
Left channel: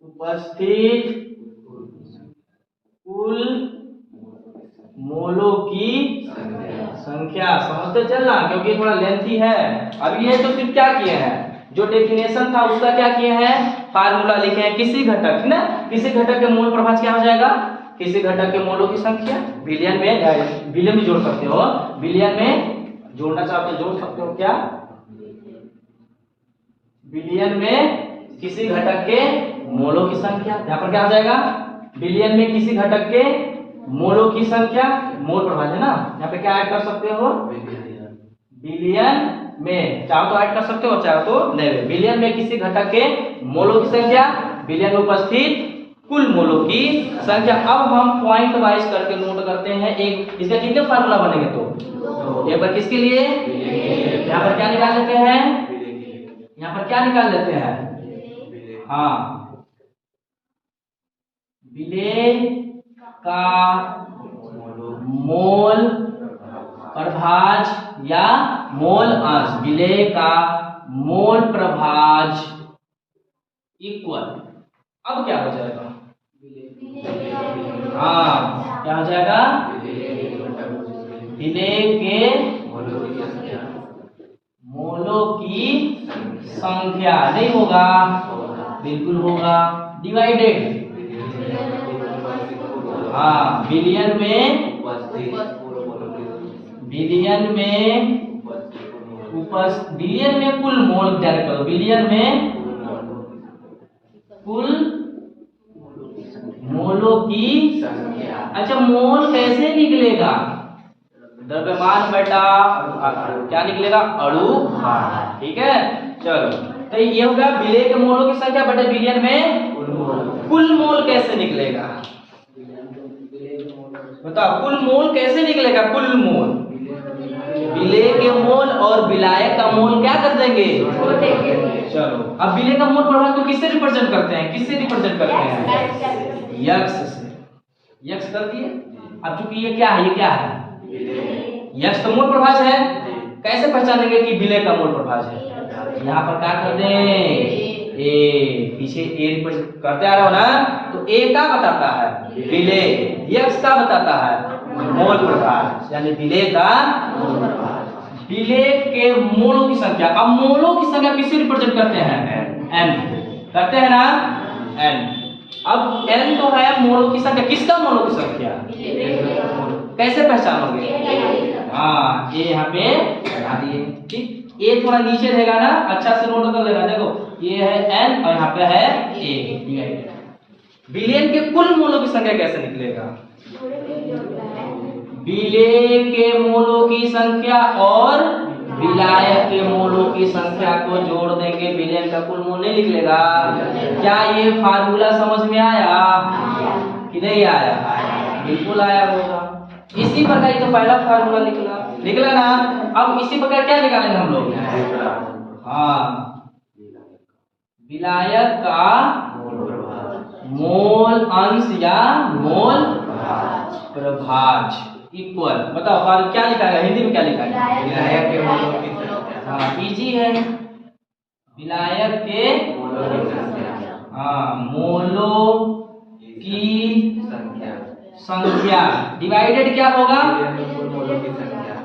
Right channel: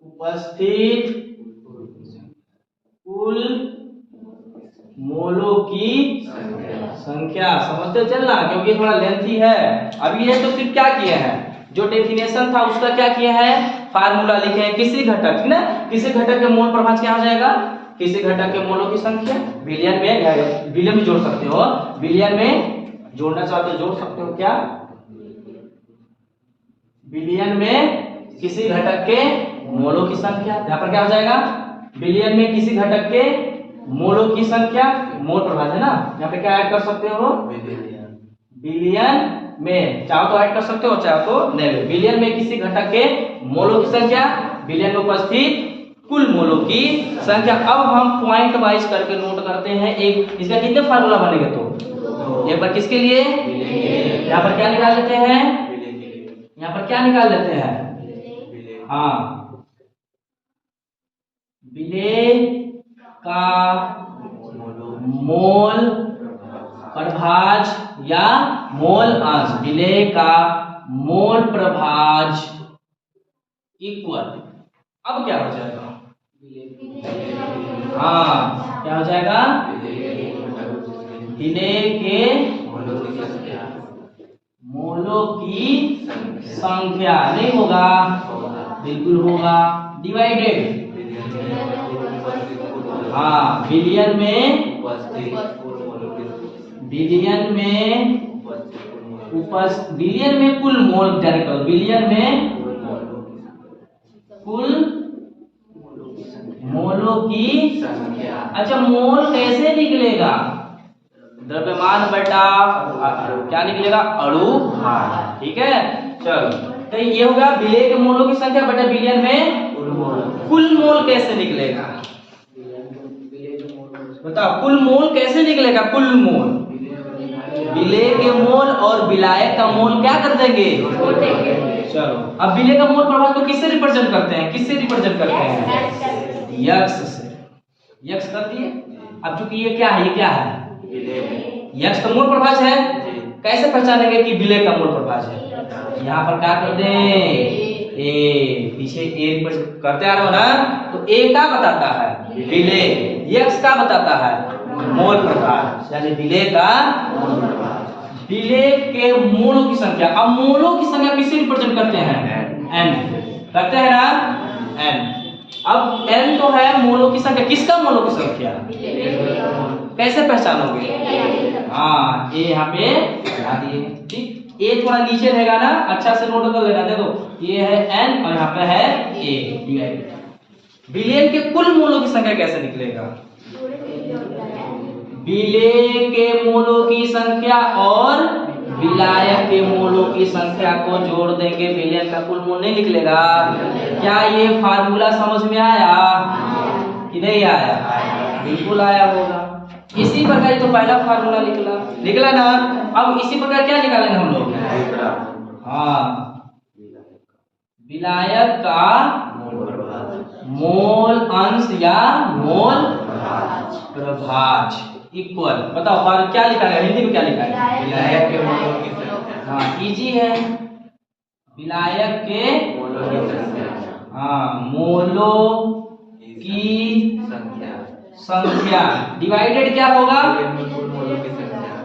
उपस्थित कुल मोलों की संख्या समझते चलना, क्योंकि थोड़ा लेंथी है। अभी ये तो सिर्फ क्या किए हैं, जो डेफिनेशन था उसका क्या किए हैं, फार्मूला लिखे हैं। किसी घटक ना, किसी घटक के मोल प्रभाज क्या हो जाएगा, किसी घटक के मोलों की संख्या। बिलियन में जोड़ सकते हो, बिलियन में जोड़ना चाहते हो जोड़ सकते हो क्या, बिलियन में किसी घटक के मोलों की संख्या। यहाँ पर क्या हो जाएगा, बिलियन में किसी घटक के मोलों की संख्या, मोल प्रभाज है ना, यहाँ पे क्या ऐड कर सकते हो, बिलियन में, चाहो तो ऐड कर सकते हो चाहो तो नहीं। बिलियन में किसी घटक के मोलों की संख्या, बिलियन में उपस्थित कुल मोलों की संख्या। अब हम पॉइंट वाइज करके नोट करते हैं। एक इसका कितने फार्मूला बनेंगे, तो एक बार किसके लिए, यहाँ पर क्या निकाल लेते हैं, यहाँ पर क्या निकाल लेते हैं, हाँ, विलेय का मोल प्रभाज या मोल अंश, विलेय का मोल प्रभाज इक्वल, अब क्या हो जाएगा, हाँ क्या हो जाएगा, विलेय के मोलों की संख्या, नहीं होगा, बिल्कुल होगा, डिवाइडेड, हाँ बिलियन में बिलियन में कुल मोल, डायरेक्ट करो, बिलियन में कुल मोलों की संख्या। अच्छा, मोल कैसे निकलेगा, द्रव्यमान बटा क्या निकलेगा, अणु भार, ठीक है। चलो, तो ये होगा विलेय के मोलों की संख्या बटा बिलियन में कुल मोल कैसे निकलेगा, बताओ, कुल मोल कैसे निकलेगा, कुल मोल, विलेय के मोल और विलायक का मोल क्या कर देंगे, चलो। अब विलेय का मोल प्रभाव को किससे रिप्रेजेंट करते हैं, किससे रिप्रेजेंट करते हैं, यक्स से, यक्स कर दिए। अब चूंकि ये क्या है, ये क्या है, यक्स का मोल प्रभाज है, कैसे पहचानेंगे कि विलेय का मोल प्रभाज है, यहाँ पर क्या कर दें, ए, पीछे ए रिप्रेजेंट करते आ रहे हो ना, तो ए क्या बताता है, विलेय, यक्स का बताता है मोल प्रभाज, यानी विलेय का मोल प्रभाज, विलेय के मोलों की संख्या। अब मोलों की संख्या किसे रिप्रेजेंट करते हैं, एन करते हैं ना, एन। अब एन तो है मोलों की संख्या, किसका मोलों की संख्या, कैसे पहचानोगे, हाँ ये यहाँ पे लगा दिए, ठीक। ए थोड़ा नीचे रहेगा ना, अच्छा से नोट कर लेना, देखो ये है एन और यहाँ पे है ए। बिलियन के कुल मोलों की संख्या कैसे निकलेगा, विलेय के मोलों की संख्या और विलायक के मोलों की संख्या को जोड़ देंगे, बिलियन का कुल मोल नहीं निकलेगा। क्या ये फार्मूला समझ में आया कि नहीं आया, बिल्कुल आया होगा। इसी प्रकार ये तो पहला फार्मूला निकला ना। अब इसी प्रकार क्या निकालेंगे हम लोग, हाँ, विलायक का मोल अंश या मोल प्रभाज इक्वल, बताओ फार्मूला क्या लिखा है, हिंदी में क्या लिखा है, विलायक के मोलों की संख्या, हाँ इजी है, विलायक के हाँ मोलों की संख्या डिवाइडेड क्या होगा,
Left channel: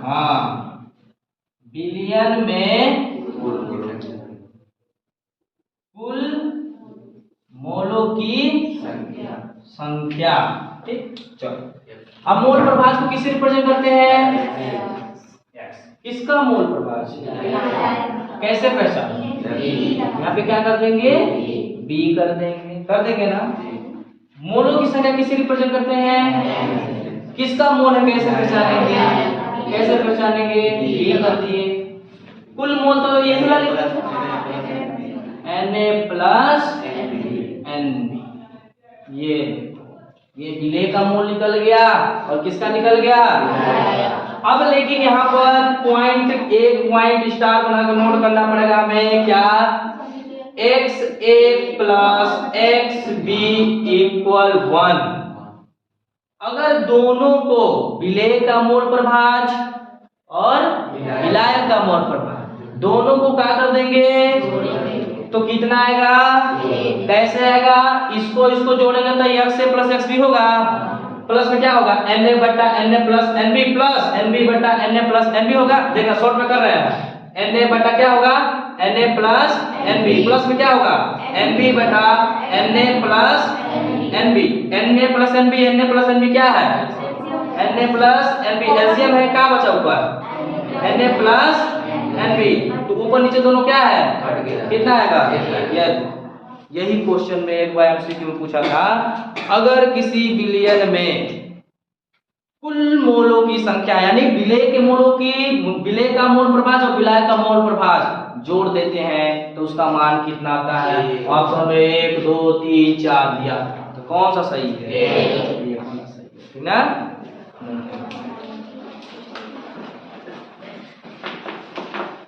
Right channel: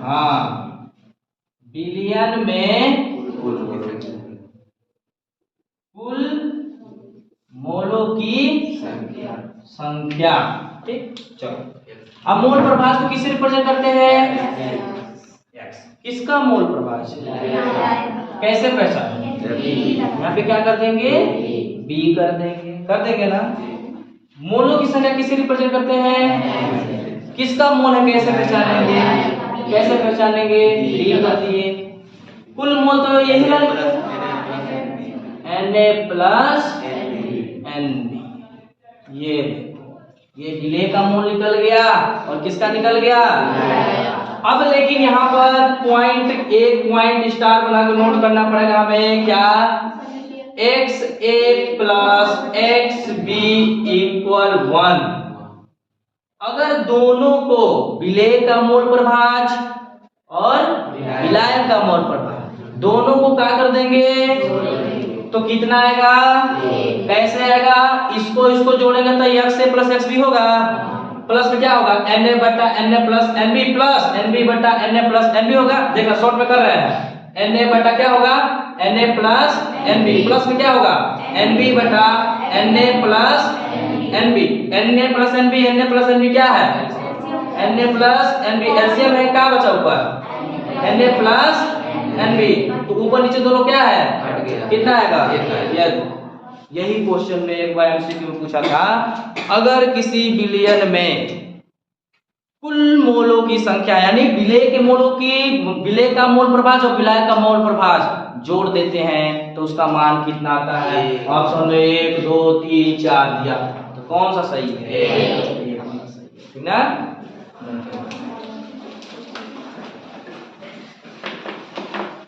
हाँ बिलियन में कुल मोलों की संख्या, ठीक। चलो, अब मोल प्रभाज को किससे रिप्रेजेंट करते हैं, किसका मोल प्रभाज, कैसे पहचान, यहाँ पे क्या कर देंगे, बी कर देंगे ना। मोलों की संख्या किसे रिप्रेजेंट करते हैं, किसका मोल है, कैसे पहचानेंगे, बी कर दिए। कुल मोल तो यही वाला Na प्लस एन, ये विलेय का मोल निकल गया और किसका निकल गया। अब लेकिन यहाँ पर एक पॉइंट स्टार बना के नोट करना पड़ेगा हमें, क्या, XA प्लस XB इक्वल 1। अगर दोनों को विलेय का मोल प्रभाज और विलायक का मोल प्रभाज दोनों को क्या कर देंगे तो कितना आएगा, कैसे आएगा, इसको जोड़ेंगे तो XA प्लस XB होगा, प्लस में क्या होगा Na बटा Na plus Nb plus Nb बटा Na प्लस Nb होगा। देखना शॉर्ट में कर रहे हैं। Na बटा क्या होगा Na प्लस Nb प्लस में क्या होगा Nb बटा Na plus Nb। Na plus Nb Na plus Nb क्या है Na प्लस Nb। एलसीएम है क्या बचा ऊपर Na प्लस Nb। तो ऊपर नीचे दोनों क्या है हट गया। कितना आएगा यही क्वेश्चन में एक बार एमसीक्यू में पूछा था। अगर किसी विलयन में कुल मोलों की संख्या यानी विलय के मोलों की विलय का मोल प्रभाज और विलय का मोल प्रभाज जोड़ देते हैं तो उसका मान कितना आता है। ऑप्शन में 1 2 3 4 दिया था, तो कौन सा सही है? ये होना सही है, ठीक ना।